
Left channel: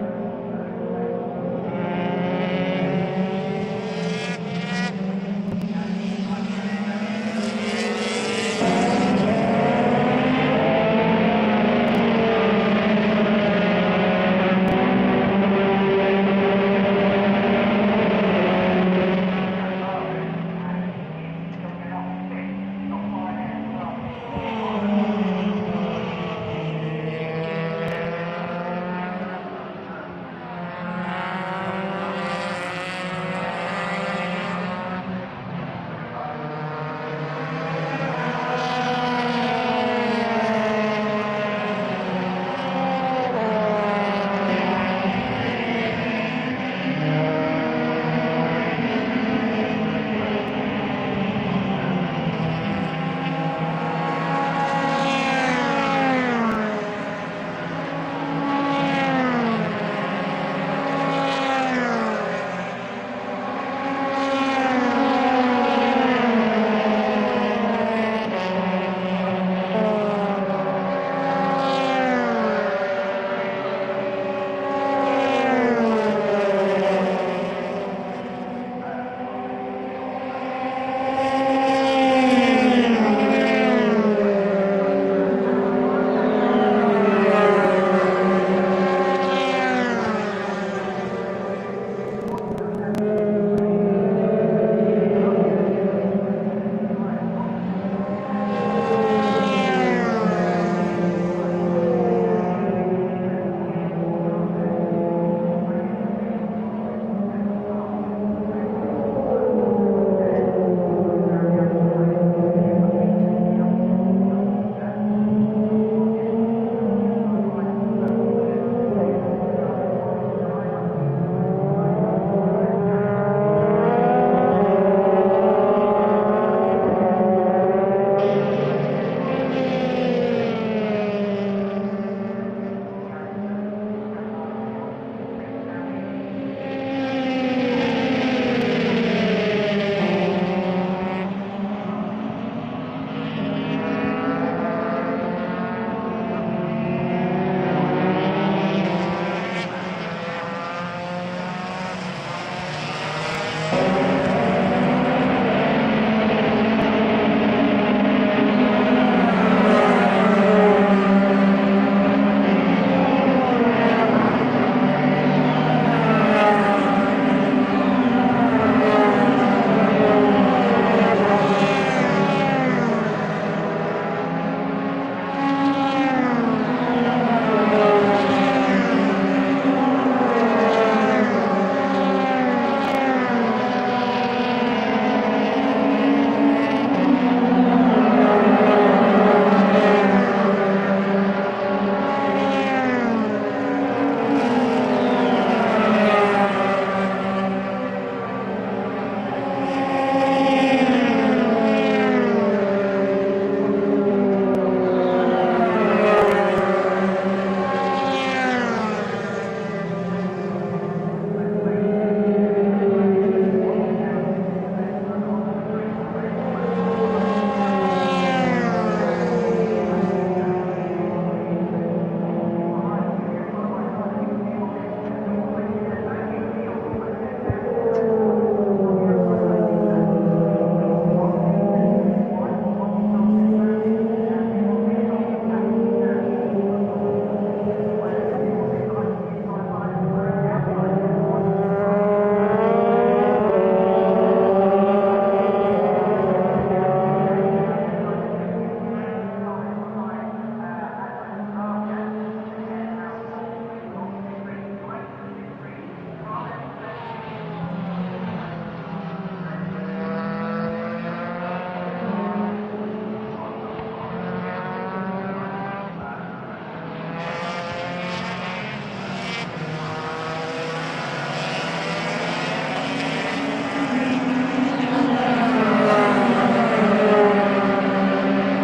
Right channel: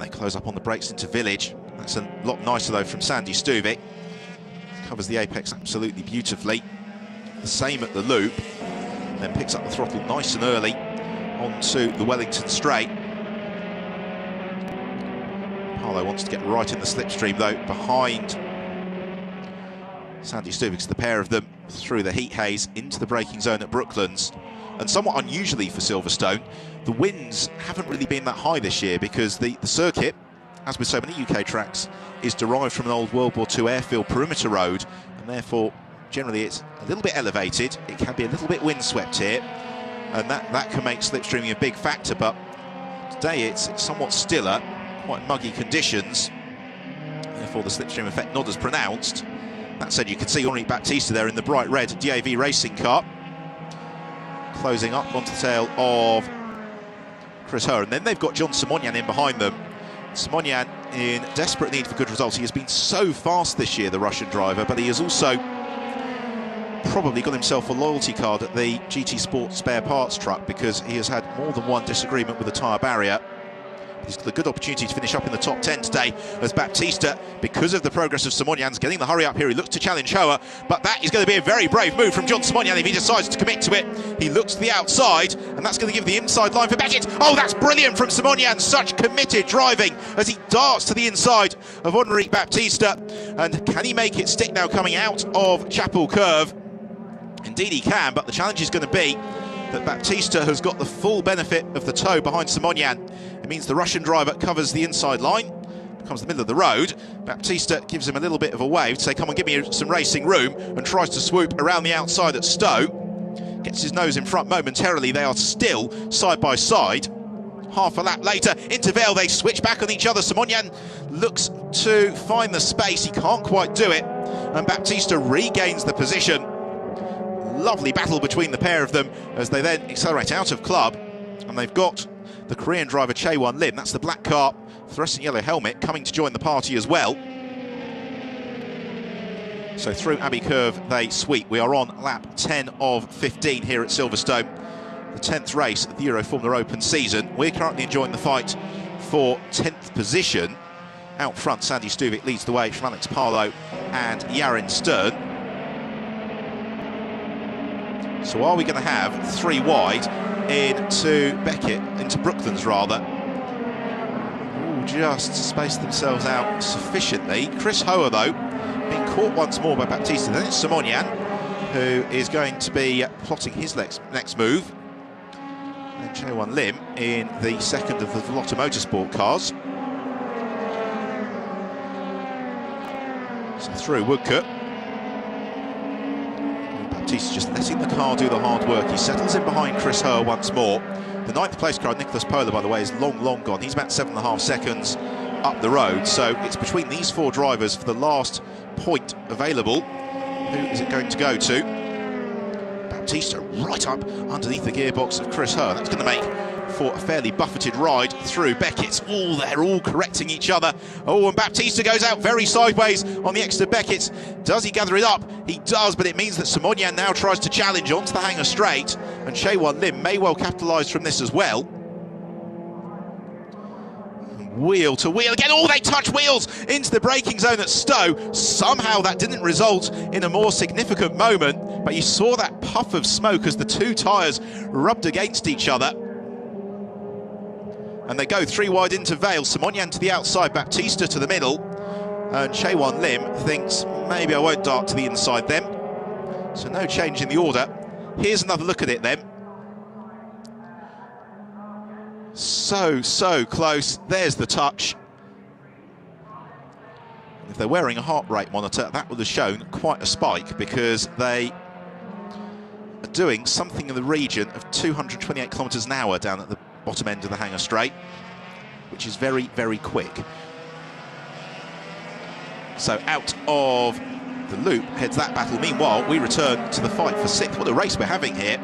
They close up on the brakes into Village. That's a lot nicer though from Sandy Stuvik. Covers the apex absolutely beautifully. The same at the loop. Then picks up the throttle nice and early onto the Wellington straight. Harlow wants to get right in the slipstream though, behind Sandy Stuvik's the pair of them through the heat haze into the braking zone at Brooklands. And somewhat unusually for Silverstone, the winds haven't really been that high this year because the circuit, as with so many UK tracks, is derived from an old World War II airfield perimeter road, and therefore generally it's a little bit elevated. It can be a little bit windswept here, and that can make slipstreaming a big factor, but today it's somewhat stiller, quite muggy conditions, therefore the slipstream effect not as pronounced. That said, you can see Henri Baptista there in the bright red DAV racing car, closing up on the tail of Chris Hoare, and then they've got John Simonian in behind them. Simonian in desperate need for good results. He has been so fast this year, the Russian driver, but he has also probably got himself a loyalty card at the GT Sport spare parts truck because he has had more than one disagreement with the tyre barrier. He's got a good opportunity to finish up in the top 10 today as Baptista, because of the progress of Simonian's getting the hurry up here. He looks to challenge Hoare, but that is going to be a very brave move from John Simonian if he decides to commit to it. He looks to the outside, and that's going to give the inside line for Beckett. Oh, that's brilliant from Simonian, such committed driving as he darts to the inside of Henri Baptista. And can he make it stick now coming out of Chapel Curve? Indeed he can, but the challenge is going to be that Baptista has got the full benefit of the tow behind Simonian. It means the Russian driver covers the inside line, comes to the middle of the road. Baptista gives him a little bit of a wave to say, come on, give me some racing room, and tries to swoop around the outside at Stowe. Gets his nose in front momentarily. They are still side by side. Half a lap later, into Vale, they switch back on each other. Simonian looks to find the space. He can't quite do it, and Baptista regains the position. Lovely battle between the pair of them as they then accelerate out of club, and they've got the Korean driver Chae-Won Lim, that's the black car, fluorescent yellow helmet, coming to join the party as well. So through Abbey Curve they sweep. We are on lap 10 of 15 here at Silverstone, the 10th race of the Euroformula Open season. We're currently enjoying the fight for 10th position. Out front, Sandy Stuvik leads the way, Florence Carlo and Yarin Stern. So are we going to have three wide into Beckett, into Brooklands rather? Just space themselves out sufficiently. Chris Hoare though, being caught once more by Baptista, then it's Simonian, who is going to be plotting his next move. Chae-Won Lim in the second of the Volta Motorsport cars. So through Woodcote. Baptista's just letting the car do the hard work. He settles in behind Chris Hoare once more. The ninth place car, Nicholas Pola, by the way, is long gone. He's about 7.5 seconds up the road, so it's between these four drivers for the last point available. Who's it going to go to? Baptista right up underneath the gearbox of Chris Hoare. That's going to make for a fairly buffeted ride through Beckett's. They're all correcting each other. Oh, and Baptista goes out very sideways on the exit of Beckett's. Does he gather it up? He does, but it means that Simonian now tries to challenge onto the hanger straight, and Chae-Won Lim may well capitalise from this as well. Wheel to wheel again. Oh, they touch wheels into the braking zone at Stowe. Somehow that didn't result in a more significant moment, but you saw that puff of smoke as the two tyres rubbed against each other. And they go three wide into Vale. Simonian to the outside, Baptista to the middle. And Chae-Won Lim thinks, maybe I won't dart to the inside then. So no change in the order. Here's another look at it then. So close. There's the touch. If they're wearing a heart rate monitor, that would have shown quite a spike, because they are doing something in the region of 228 kilometres an hour down at the bottom end of the hanger straight, which is very, very quick. So out of the loop heads that battle. Meanwhile, we return to the fight for sixth. What a race we're having here,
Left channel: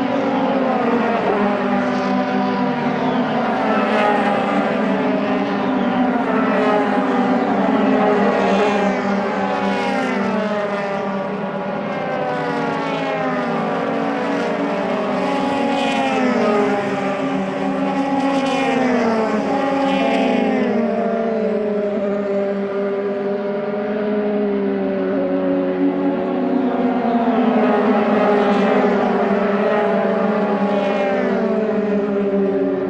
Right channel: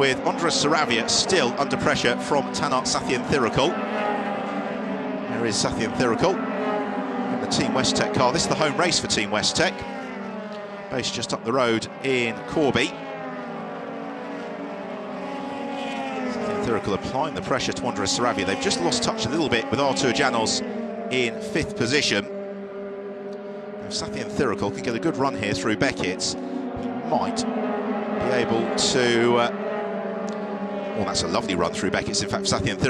with Andres Sarabia still under pressure from Tanak Sathienthirakul. There is Sathienthirakul, the Team West Tech car. This is the home race for Team West Tech. Race just up the road in Corby. Thirakul applying the pressure to Andres Sarabia. They've just lost touch a little bit with Artur Janos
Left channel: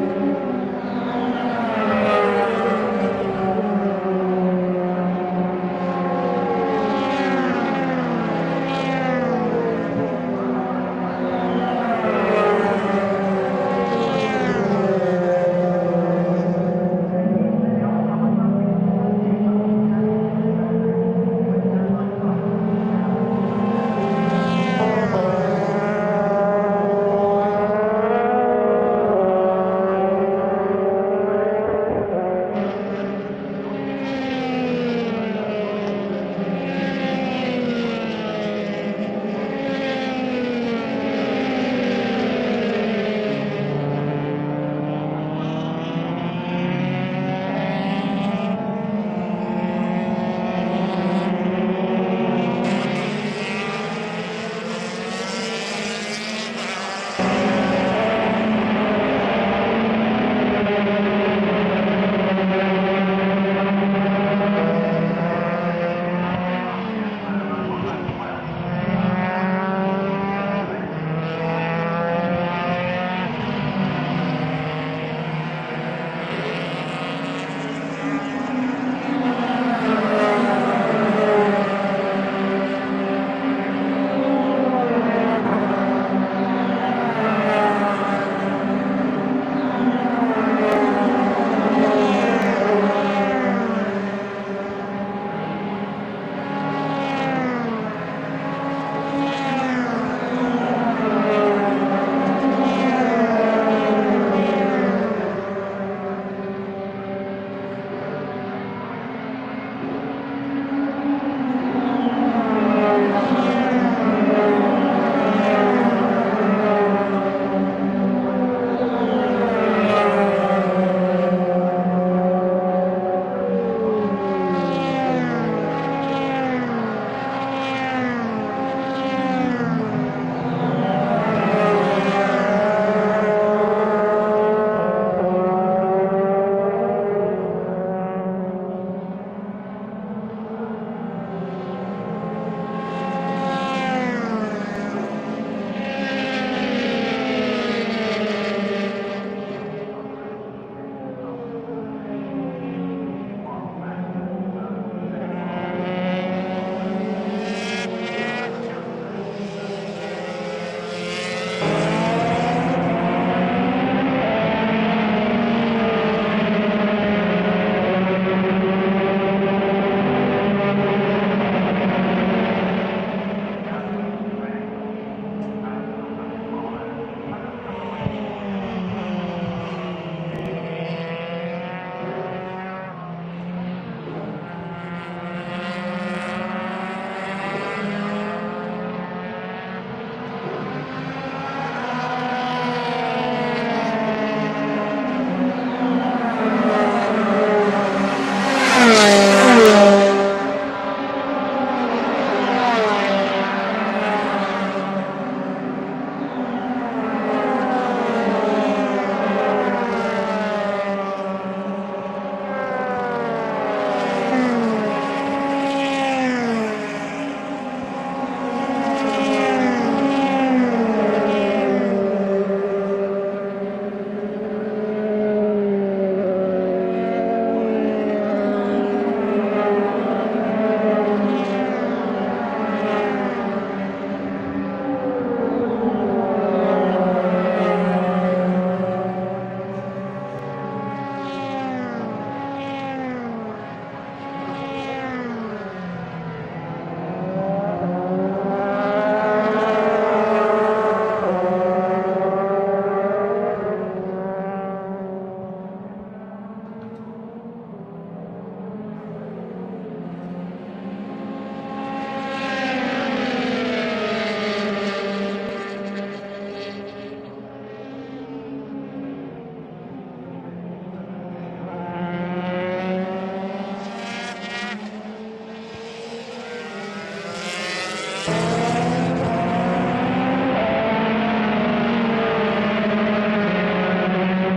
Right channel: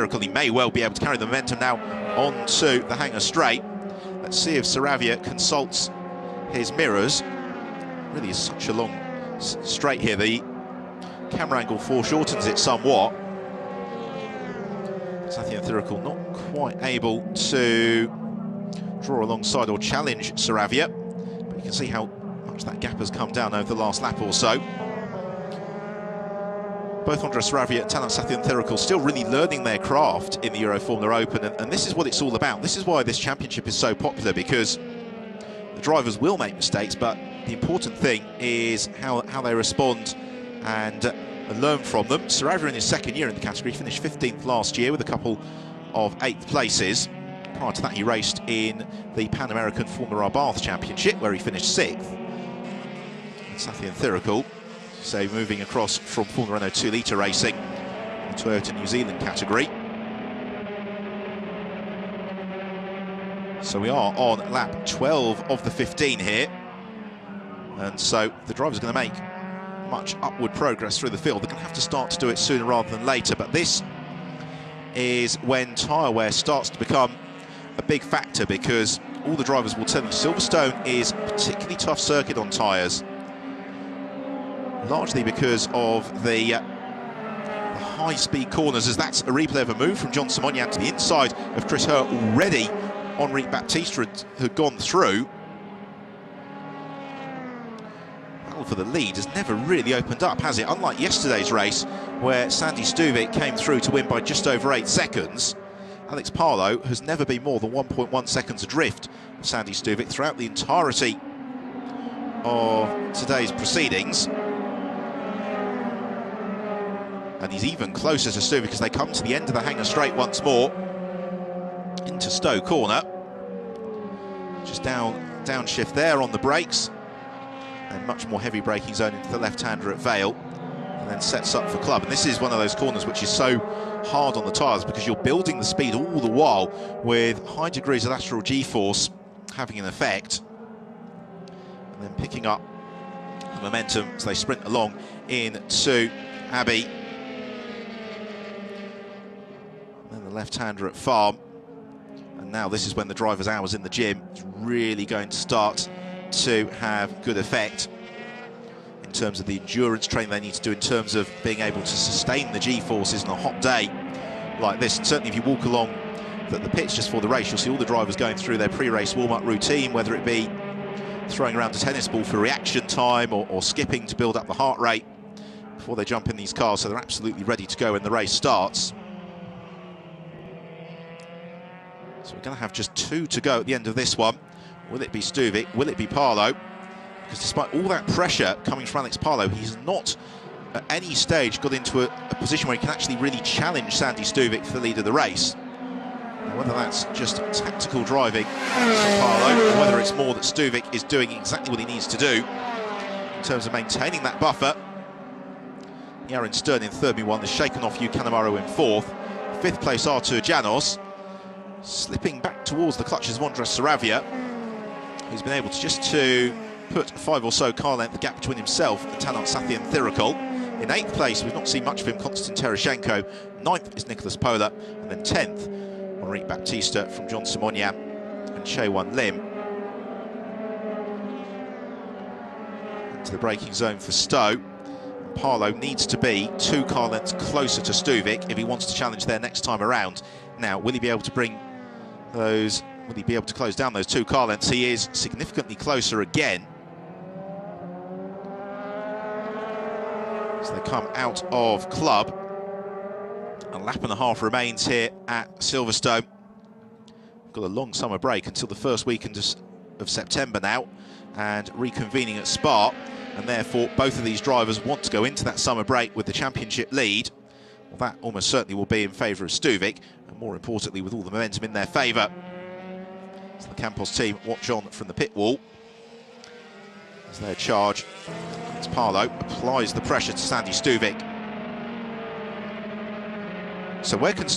Thirakul. He may well be able to carry the momentum now onto the Hangar Straight. Let's see if Saravia consults his mirrors. And he's such a long straight here. The camera angle foreshortens it somewhat. So I think Thirakul not quite able to draw alongside or challenge Saravia. You can see how much that gap has come down over the last lap or so. Both Andres Saravia and Talat Thirakul still really learning their craft in the Euroformula Open, and this is what it's all about. This is why this championship is so popular, because the drivers will make mistakes, but the important thing is how they respond and learn from them. Saravia in his second year in the category finished 15th last year with a couple of 8th places. Prior to that, he raced in the Pan American Formula Bath Championship, where he finished 6th. Thirakul, so moving across from Formula Renault 2-litre racing to New Zealand category. So we are on lap 12 of the 15 here, and so the driver's going to make much upward progress through the field. They're going to have to start to do it sooner rather than later, but this is when tyre wear starts to become a big factor, because all the drivers will tell you Silverstone is a particularly tough circuit on tyres, largely because of the high-speed corners, as that's a replay of a move from John Simoniak to the inside of Chris Hurt already. Henri Baptiste had gone through for the lead. Has never really opened up, has it? Unlike yesterday's race, where Sandy Stuvik came through to win by just over 8 seconds. Alex Parlow has never been more than 1.1 seconds adrift of Sandy Stuvik throughout the entirety of today's proceedings. And he's even closer to Stuvik as they come to the end of the Hangar Straight once more into Stowe Corner. Just downshift there on the brakes. Much more heavy braking zone for the left-hander at Vale. And sets up for Club. This is one of those corners which is so hard on the tyres, because you're building the speed all the while with high degrees of lateral G-force having an effect, and picking up momentum as they sprint along into Abbey. The left-hander at Farm. Now this is when the driver's hours in the gym is really going to start to have good effect in terms of the endurance training they need to do, in terms of being able to sustain the G-forces on a hot day like this. And certainly if you walk along the pitch just for the race, you see all the drivers going through their pre-race warm-up routine, whether it be throwing around a tennis ball for reaction time or skipping to build up the heart rate before they jump in these cars, so they're absolutely ready to go when the race starts. So we're going to have just 2 to go at the end of this one. Will it be Stuvik? Will it be Parlow? Because despite all that pressure coming from Alex Parlow, he's not at any stage got into a position where he can actually really challenge Sandy Stuvik for the lead of the race. That's just tactical driving. It's more that Stuvik is doing exactly what he needs to do in terms of maintaining that buffer. Aaron Stern in third, meanwhile, has shaken off Hugh Canamaro in fourth. 5th place Artur Janos, slipping back towards the clutches of Andres Saravia. He's been able to just put 5 or so car length gap between himself and Talat Thirakul. In 8th place, we've not seen much of him, Konstant Tereshenko. 9th is Nicholas Pola, and then 10th, Henri Baptiste from John Simoniak and Chaewon Lim. To the braking zone for Stowe. Parlow needs to be 2 car lengths closer to Stuvik if he wants to challenge there next time around. Now, will he be able to bring those? Will he be able to close down those 2 car lengths? He is significantly closer again. As they come out of Club, a lap and a half remains here at Silverstone. Got a long summer break until the first weekend of September now, and reconvening in Spa. And therefore, both of these drivers want to go into that summer break with the championship lead. That almost certainly will be in favour of Stuvik, and more importantly, with all the momentum in their favour. So the Campos team watch on from the pit wall. They charge. It's Parlow applies the pressure to Sandy Stuvik. So where can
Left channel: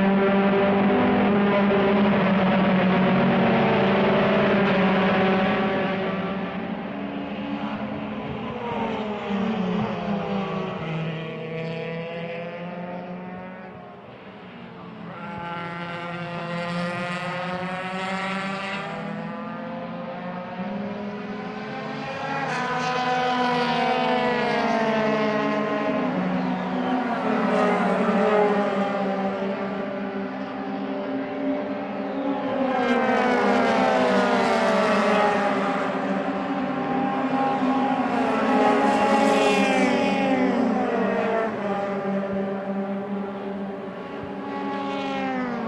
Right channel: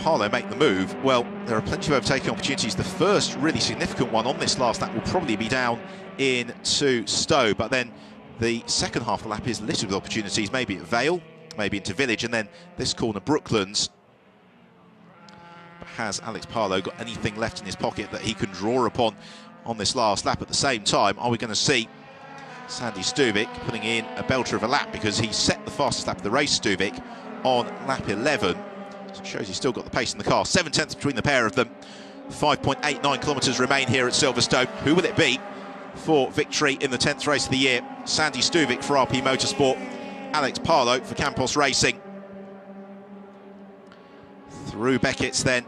Parlow make the move? Well, there are plenty of overtaking opportunities. The first really significant one on this last lap will probably be down into Stowe, but then the second half of the lap is littered with opportunities, maybe at Vale, maybe into Village, and then this corner Brooklands. has Alex Palou got anything left in his pocket that he can draw upon on this last lap? At the same time, are we going to see Sandy Stuvik putting in a belter of a lap, because he set the fastest lap of the race, Stuvik, on lap 11. So it shows he's still got the pace in the car. 7/10 between the pair of them. 5.89 kilometres remain here at Silverstone. Who will it be for victory in the 10th race of the year? Sandy Stuvik for RP Motorsport, Alex Palou for Campos Racing. Through Beckett's then,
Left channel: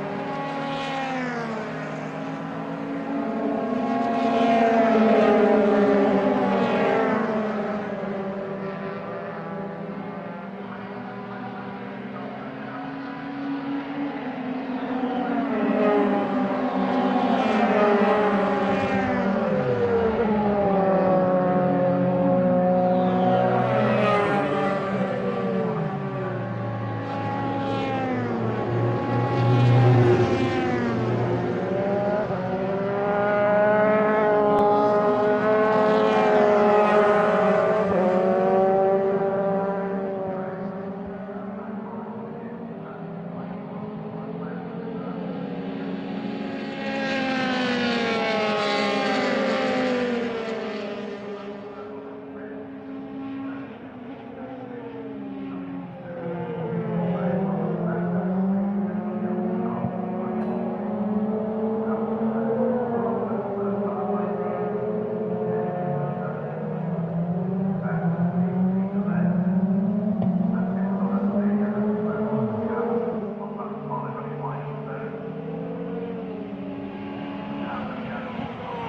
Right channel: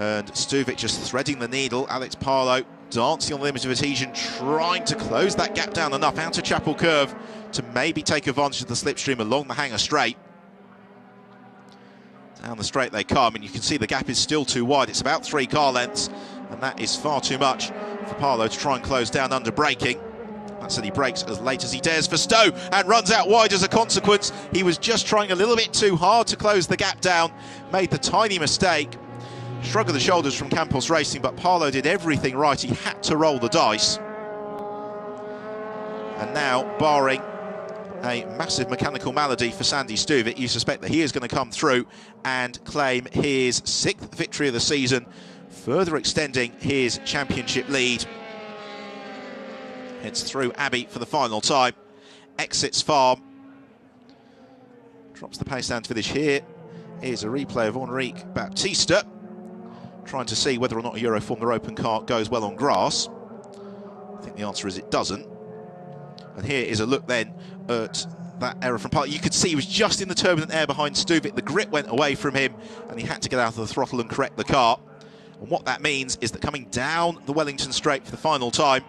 and Stuvik just threading the needle. Alex Palou dancing on the limit of adhesion, trying to close that gap down enough out to Chapel Curve to maybe take advantage of the slipstream along the Hangar Straight. Down the straight they come, and you can see the gap is still too wide. It's about 3 car lengths, and that is far too much for Palou to try and close down under braking. And so he brakes as late as he dares for Stowe and runs out wide as a consequence. He was just trying a little bit too hard to close the gap down, made the tiny mistake. Shrug of the shoulders from Campos Racing, but Palou did everything right. He had to roll the dice. And now, barring a massive mechanical malady for Sandy Stuvik, you suspect that he is going to come through and claim his 6th victory of the season, further extending his championship lead. It's through Abbey for the final time. Exits Farm. Drops the pace down to finish here. Here's a replay of Enrique Baptista, trying to see whether or not a Euroformula Open car goes well on grass. I think the answer is it doesn't. And here is a look then at that error from Palou. You could see he was just in the turbulent air behind Stuvik. The grip went away from him, and he had to get out of the throttle and correct the car. And what that means is that coming down the Wellington Straight for the final time,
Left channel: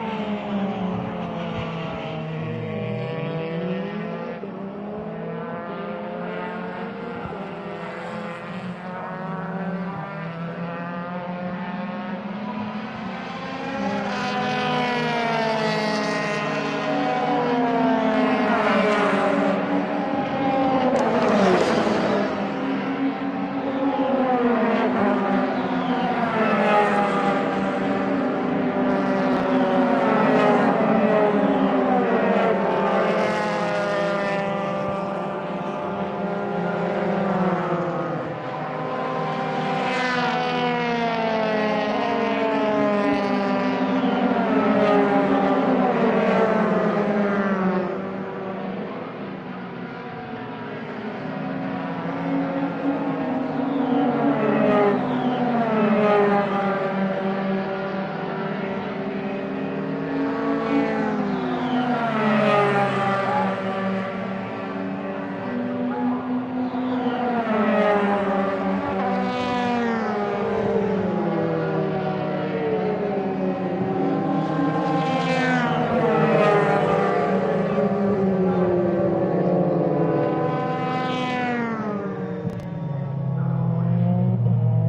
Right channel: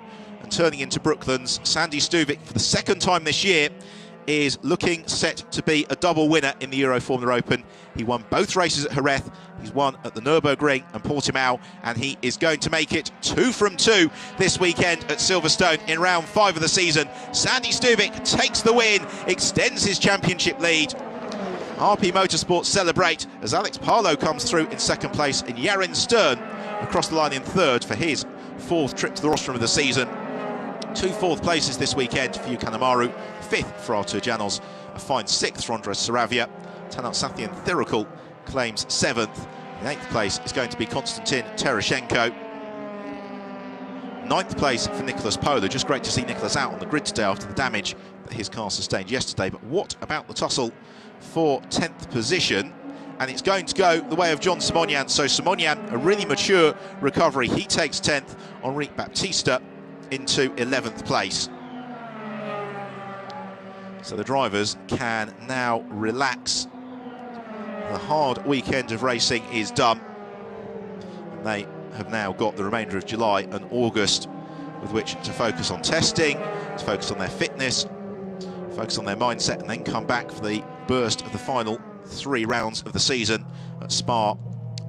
turning into Brooklands, Sandy Stuvik, for the 2nd time this year, is looking set to be a double winner in the Euroformula Open. He won both races at Jerez. He's won at the Nürburgring and Portimao, and he is going to make it 2 from 2 this weekend at Silverstone in round 5 of the season. Sandy Stuvik takes the win, extends his championship lead. RP Motorsport celebrate as Alex Palou comes through in 2nd place, and Yarin Stern across the line in 3rd for his 4th trip to the rostrum of the season. 2 4th places this weekend for Kanemaru, 5th for Artur Janos, a fine 6th for Andres Saravia. Talant Sathian Thirikul claims 7th. 8th place is going to be Konstantin Terashenko. 9th place for Nicholas Pola. Just great to see Nicholas out on the grid today after the damage that his car sustained yesterday. But what about the tussle for 10th position? And it's going to go the way of John Simonyan. So Simonyan, a really mature recovery. He takes 10th. Enrique Baptista into 11th place. So the drivers can now relax. The hard weekend of racing is done. They have now got the remainder of July and August, which to focus on testing, to focus on their fitness, focus on their mindset, and then come back for the burst of the final 3 rounds of the season at Spa,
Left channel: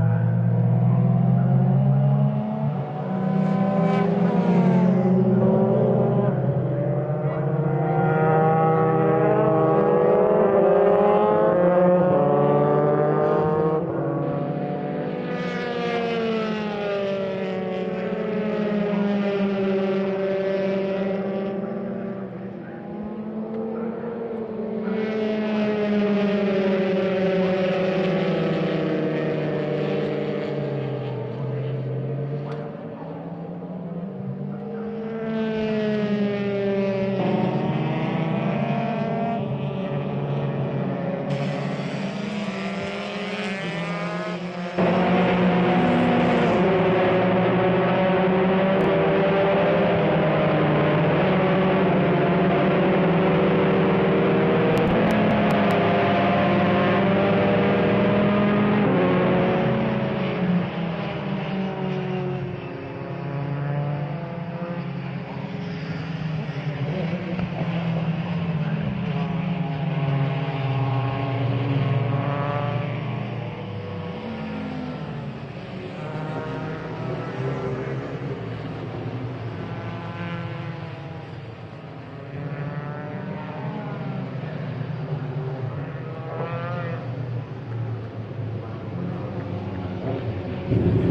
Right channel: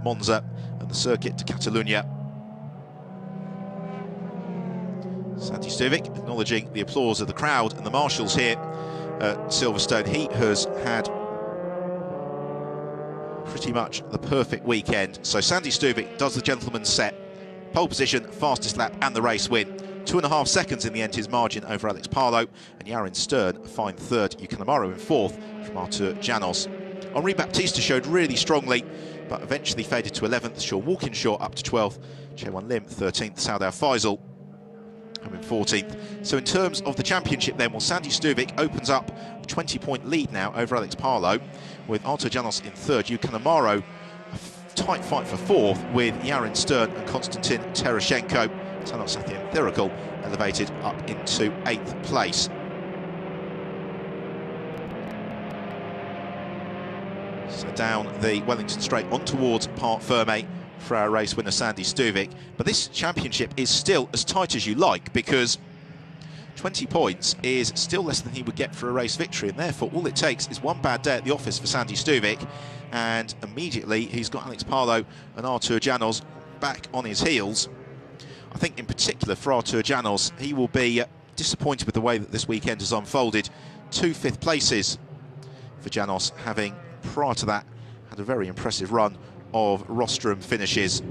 Monza, and the circuit to Catalunya. Sandy Stuvik acknowledging the applause of the crowd and the marshals here at Silverstone. He has had pretty much the perfect weekend. So Sandy Stuvik does the gentleman's set. Pole position, fastest lap and the race win. 2.5 seconds in the end his margin over Alex Palou, and Yarin Stern a fine 3rd. Yukanamaru in 4th from Artur Janos. Enrique Baptista showed really strongly, but eventually faded to 11th. Sean Walkinshaw up to 12th. Chewan Lim 13th. Saudar Faisal 14th. So in terms of the championship then, Sandy Stuvik opens up a 20-point lead now over Alex Palou, with Artur Janos in 3rd. Yukanamaru tight fight for 4th, with Yarin Stern and Konstantin Terashenko. Talant Thirikul elevated up into 8th place. So down the Wellington Straight on towards Parc Ferme for our race winner Sandy Stuvik. But this championship is still as tight as you like, because 20 points is still less than he would get for a race victory, and therefore all it takes is one bad day at the office for Sandy Stuvik, and immediately he's got Alex Palou and Artur Janos back on his heels. I think in particular for Artur Janos, he will be disappointed with the way that this weekend has unfolded. 2 5th places for Janos, having prior to that had a very impressive run of rostrum finishes.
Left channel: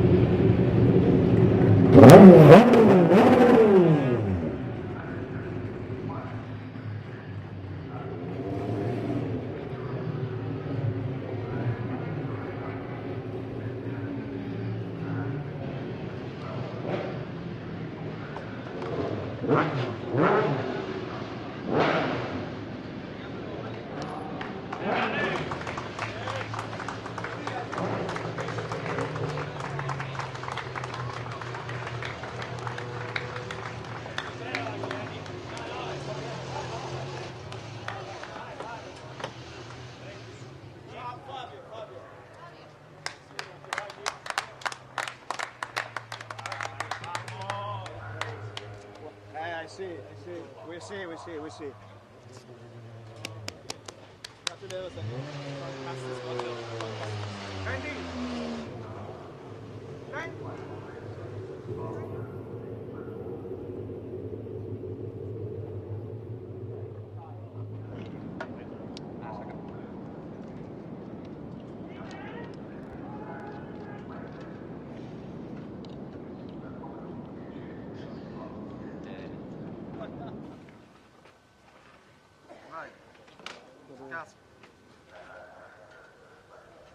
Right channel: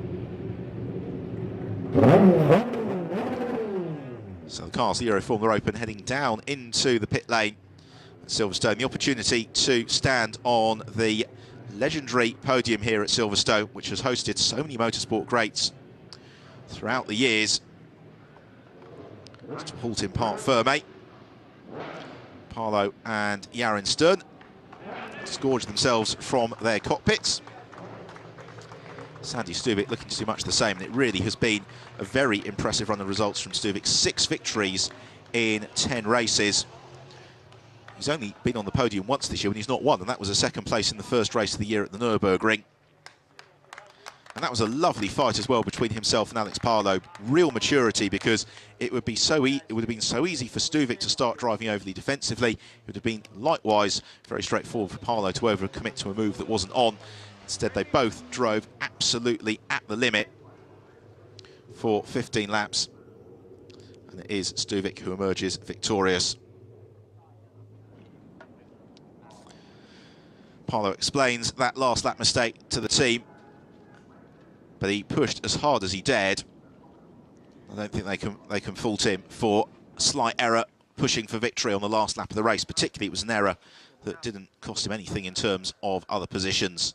So the cars, the Euroformula Open, heading down into the pit lane at Silverstone. The opportunity to stand on the legendary podium here at Silverstone, which has hosted so many motorsport greats throughout the years. Brought in Parc Ferme, Paolo and Yarin Stern scourged themselves from their cockpits. Sandy Stuvik looking to do much the same. It really has been a very impressive run of results from Stuvik. 6 victories in 10 races. He's only been on the podium once this year when he's not won, and that was a second place in the first race of the year at the Nürburgring. And that was a lovely fight as well between himself and Alex Palou. Real maturity, because it would be it would have been so easy for Stuvik to start driving overly defensively. It would have been likewise very straightforward for Palou to overcommit to a move that wasn't on. Instead, they both drove absolutely at the limit for 15 laps. And it is Stuvik who emerges victorious. Palou explains that last lap mistake to the team, but he pushed as hard as he dared. I don't think they can fault him for a slight error pushing for victory on the last lap of the race. Particularly, it was an error that didn't cost him anything in terms of other positions.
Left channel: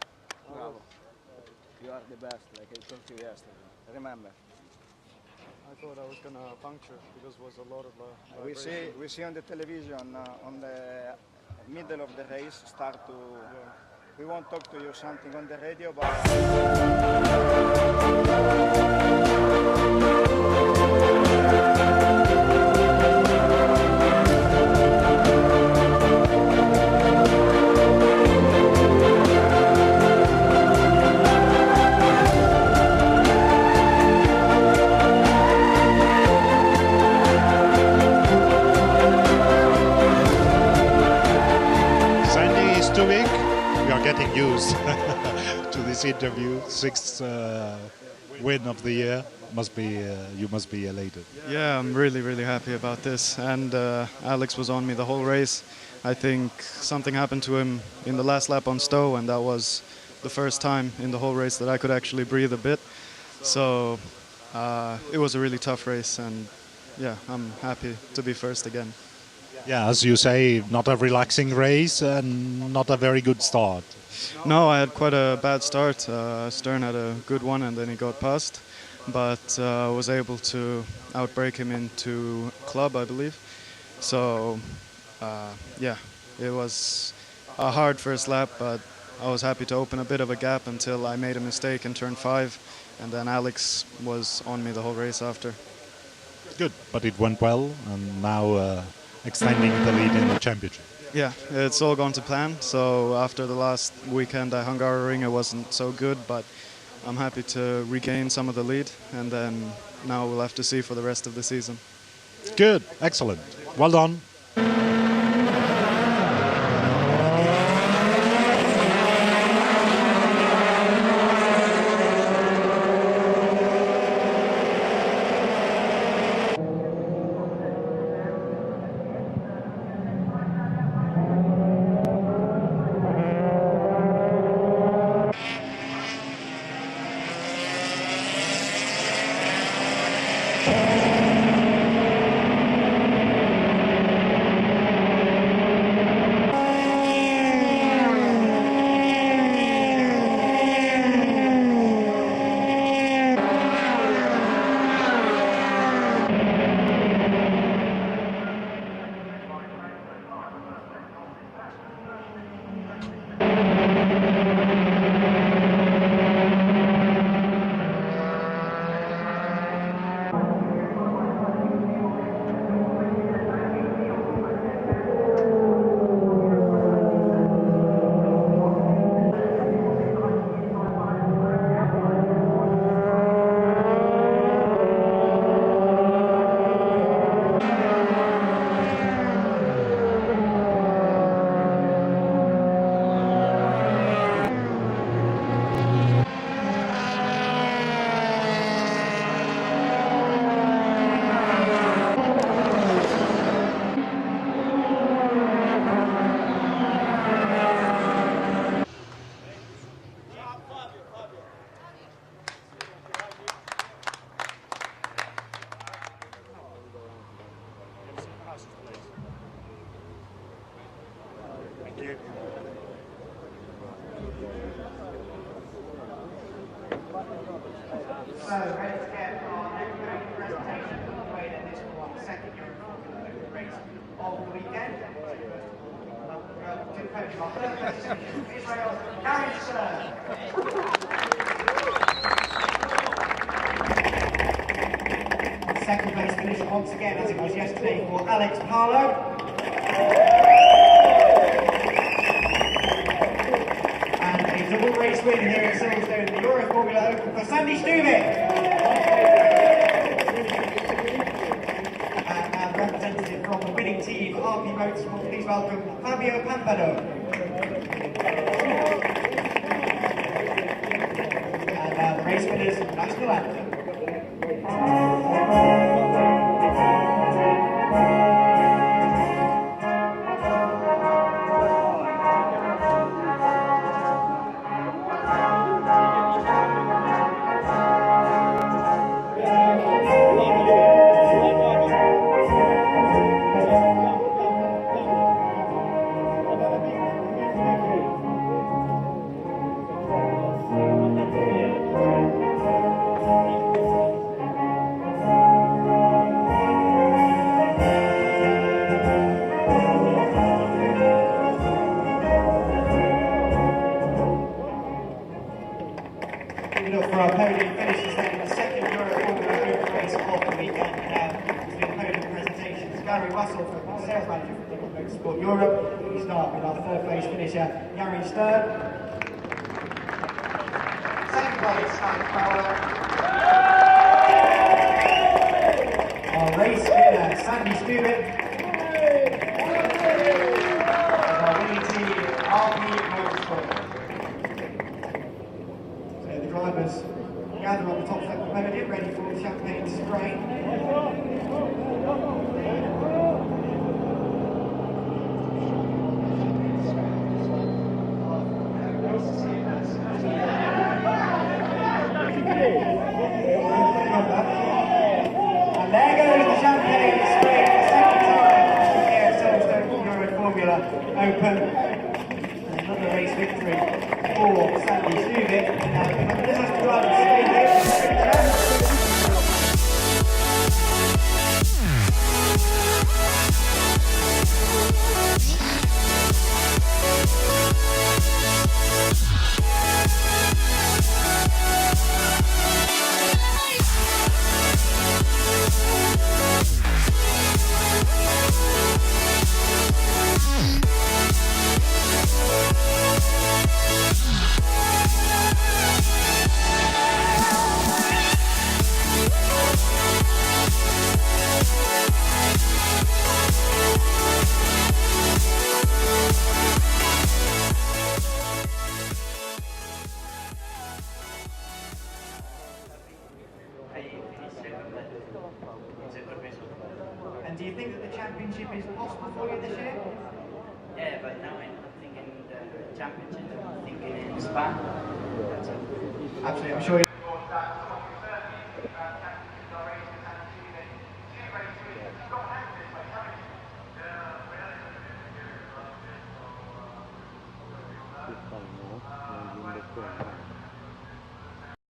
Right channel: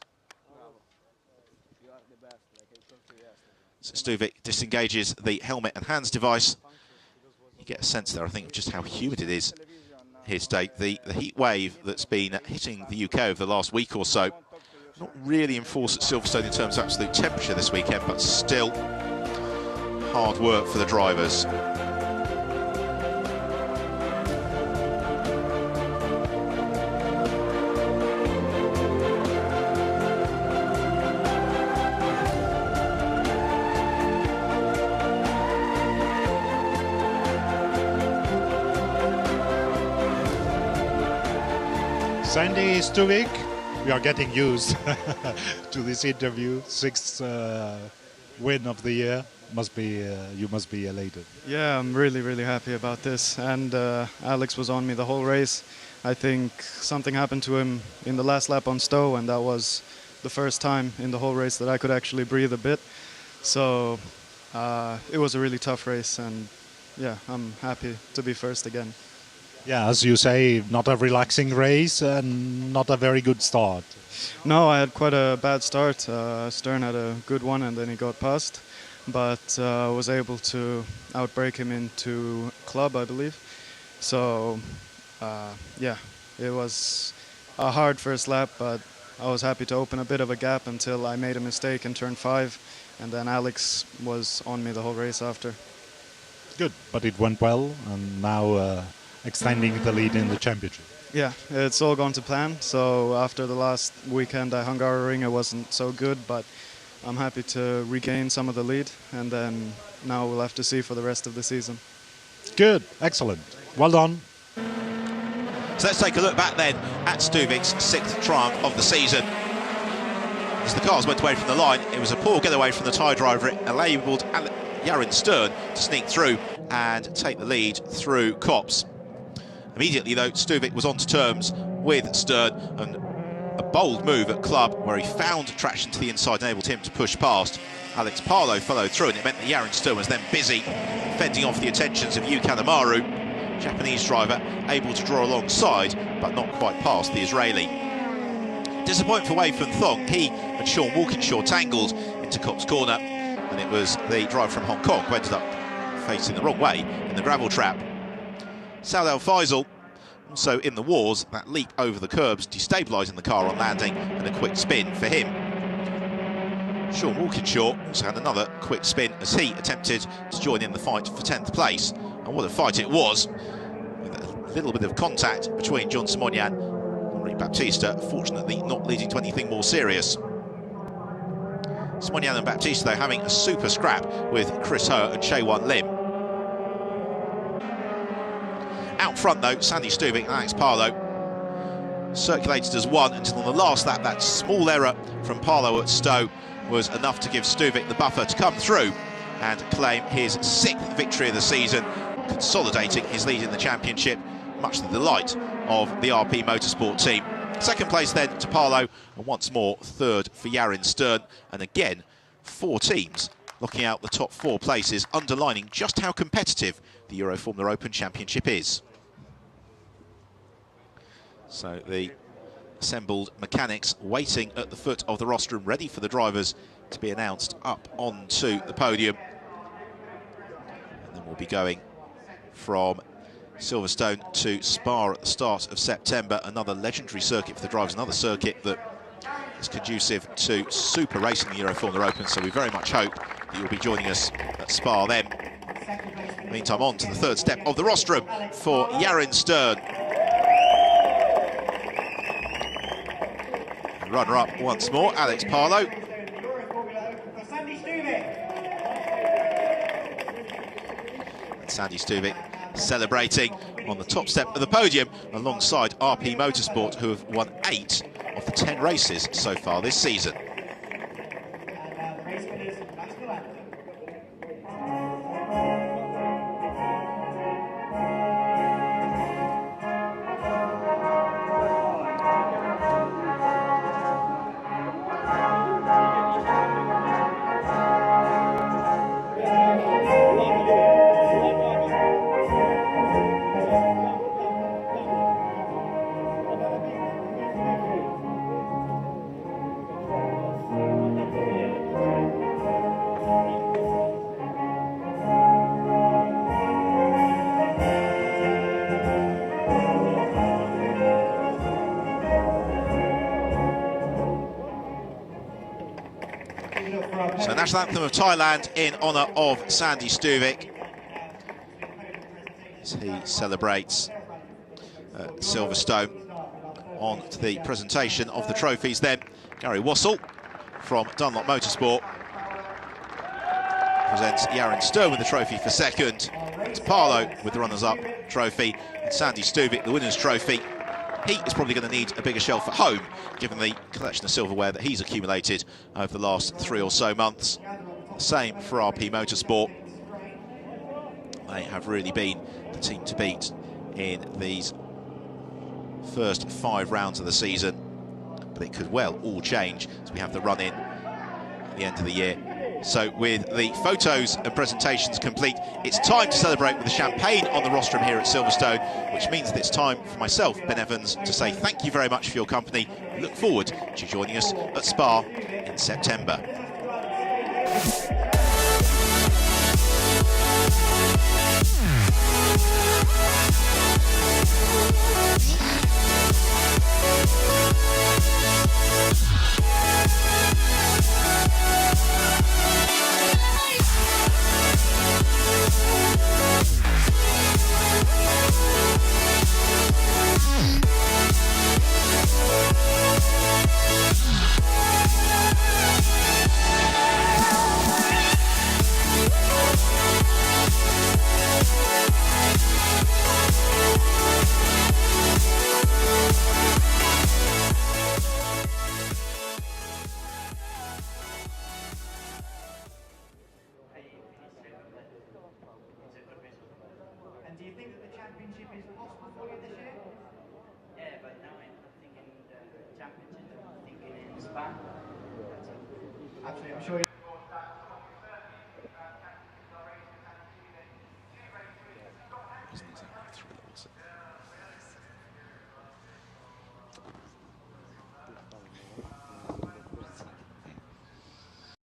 So Stuvik disengages the helmet and hands device. You get a sense there, I think, of just how humid it is here today. The heat wave that's been hitting the UK over the last week or so, not really in force at Silverstone in terms of absolute temperature this weekend, but still hard work for the drivers. Sandy Stuvik, we are getting used to this interview. 6th win of the year. You must be elated. Yeah, I'm really happy about this. And Alex was on me the whole race. I think something happened to him in the last lap on Stowe, and that was the first time in the whole race that I could actually breathe a bit. So it was a really tough race, and yeah, I'm happy to be first again. Yeah, as you say, not a relaxing race and not a very good start. No, I had quite a bad start. Stern had a good one and then he got past, but I was able to outbrake him into club, I believe. So yeah, it was a hard first lap, but I was happy to open a bit of a gap until I made a mistake in turn 5, and then Alex was on me the whole race after. Good, but it went well, and now extending the lead in the championship. Yeah, it's all gone to plan. So after the last weekend at Hungaroring, it wasn't so good, but I'm happy to regain some of the lead, and then now we'll have to see for the rest of the season. Good, excellent, well done. So let's take a look back then at Stuvik's 6th triumph of the season. As the cars went away from the line, it was a poor getaway from the tyre driver. It enabled Yarin Stern to sneak through and take the lead through Copse. Immediately, though, Stuvik was on terms with Stern, and a bold move at club where he found traction to the inside and enabled him to push past. Alex Palou followed through, and it meant that Yarin Stern was then busy fending off the attentions of Yuka Amaru, Japanese driver, able to draw alongside, but not quite past the Israeli. Disappointing for Wade van Thong. He and Sean Walkinshaw tangled into Copse corner, and it was the driver from Hong Kong who ended up facing the wrong way in the gravel trap. Saad Al Faisal, so in the wars, that leap over the curbs, destabilising the car on landing, and a quick spin for him. Sean Walkinshaw also had another quick spin as he attempted to join in the fight for 10th place. And what a fight it was. A little bit of contact between John Simonian and Henri Baptista, fortunately not leading to anything more serious. Simonian and Baptista, though, having a super scrap with Chris Ho and Chae-Wan Lim. Out front, though, Sandy Stuvik and Alex Palou circulated as one until on the last lap. That small error from Palou at Stowe was enough to give Stuvik the buffer to come through and claim his 6th victory of the season, consolidating his lead in the championship, much to the delight of the RP Motorsport team. Second place then to Palou, and once more 3rd for Yarin Stern, and again 4 teams knocking out the top 4 places, underlining just how competitive the Euroformula Open Championship is. So the assembled mechanics waiting at the foot of the rostrum, ready for the drivers to be announced up onto the podium. We'll be going from Silverstone to Spa at the start of September, another legendary circuit for the drivers, another circuit that is conducive to super racing, the Euroformula Open, so we very much hope that you'll be joining us at Spa then. Meantime, on to the third step of the rostrum for Yarin Stern. Runner-up once more, Alex Parlow. Sandy Stuvik celebrating on the top step of the podium alongside RP Motorsport, who have won 8 of the 10 races so far this season. And the race winners, Max Verstappen. So national anthem of Thailand in honour of Sandy Stuvik. He celebrates Silverstone on to the presentation of the trophies. Then Gary Wassell from Dunlop Motorsport presents Yarin Stern with the trophy for second. Parlow with the runners-up trophy. Sandy Stuvik the winner's trophy. He's probably going to need a bigger shelf at home, given the collection of silverware that he's accumulated over the last 3 or so months. Same for RP Motorsport. They have really been the team to beat in these first 5 rounds of the season. But it could well all change as we have the run in at the end of the year. So with the photos and presentations complete, it's time to celebrate with the champagne on the rostrum here at Silverstone, which means that it's time for myself, Ben Evans, to say thank you very much for your company. I look forward to joining us at Spa in September. And do you think that the championship is possible for you this year? Yeah, but now I'm thinking the championship, I'm thinking in Spa. Absolutely, I'm sure.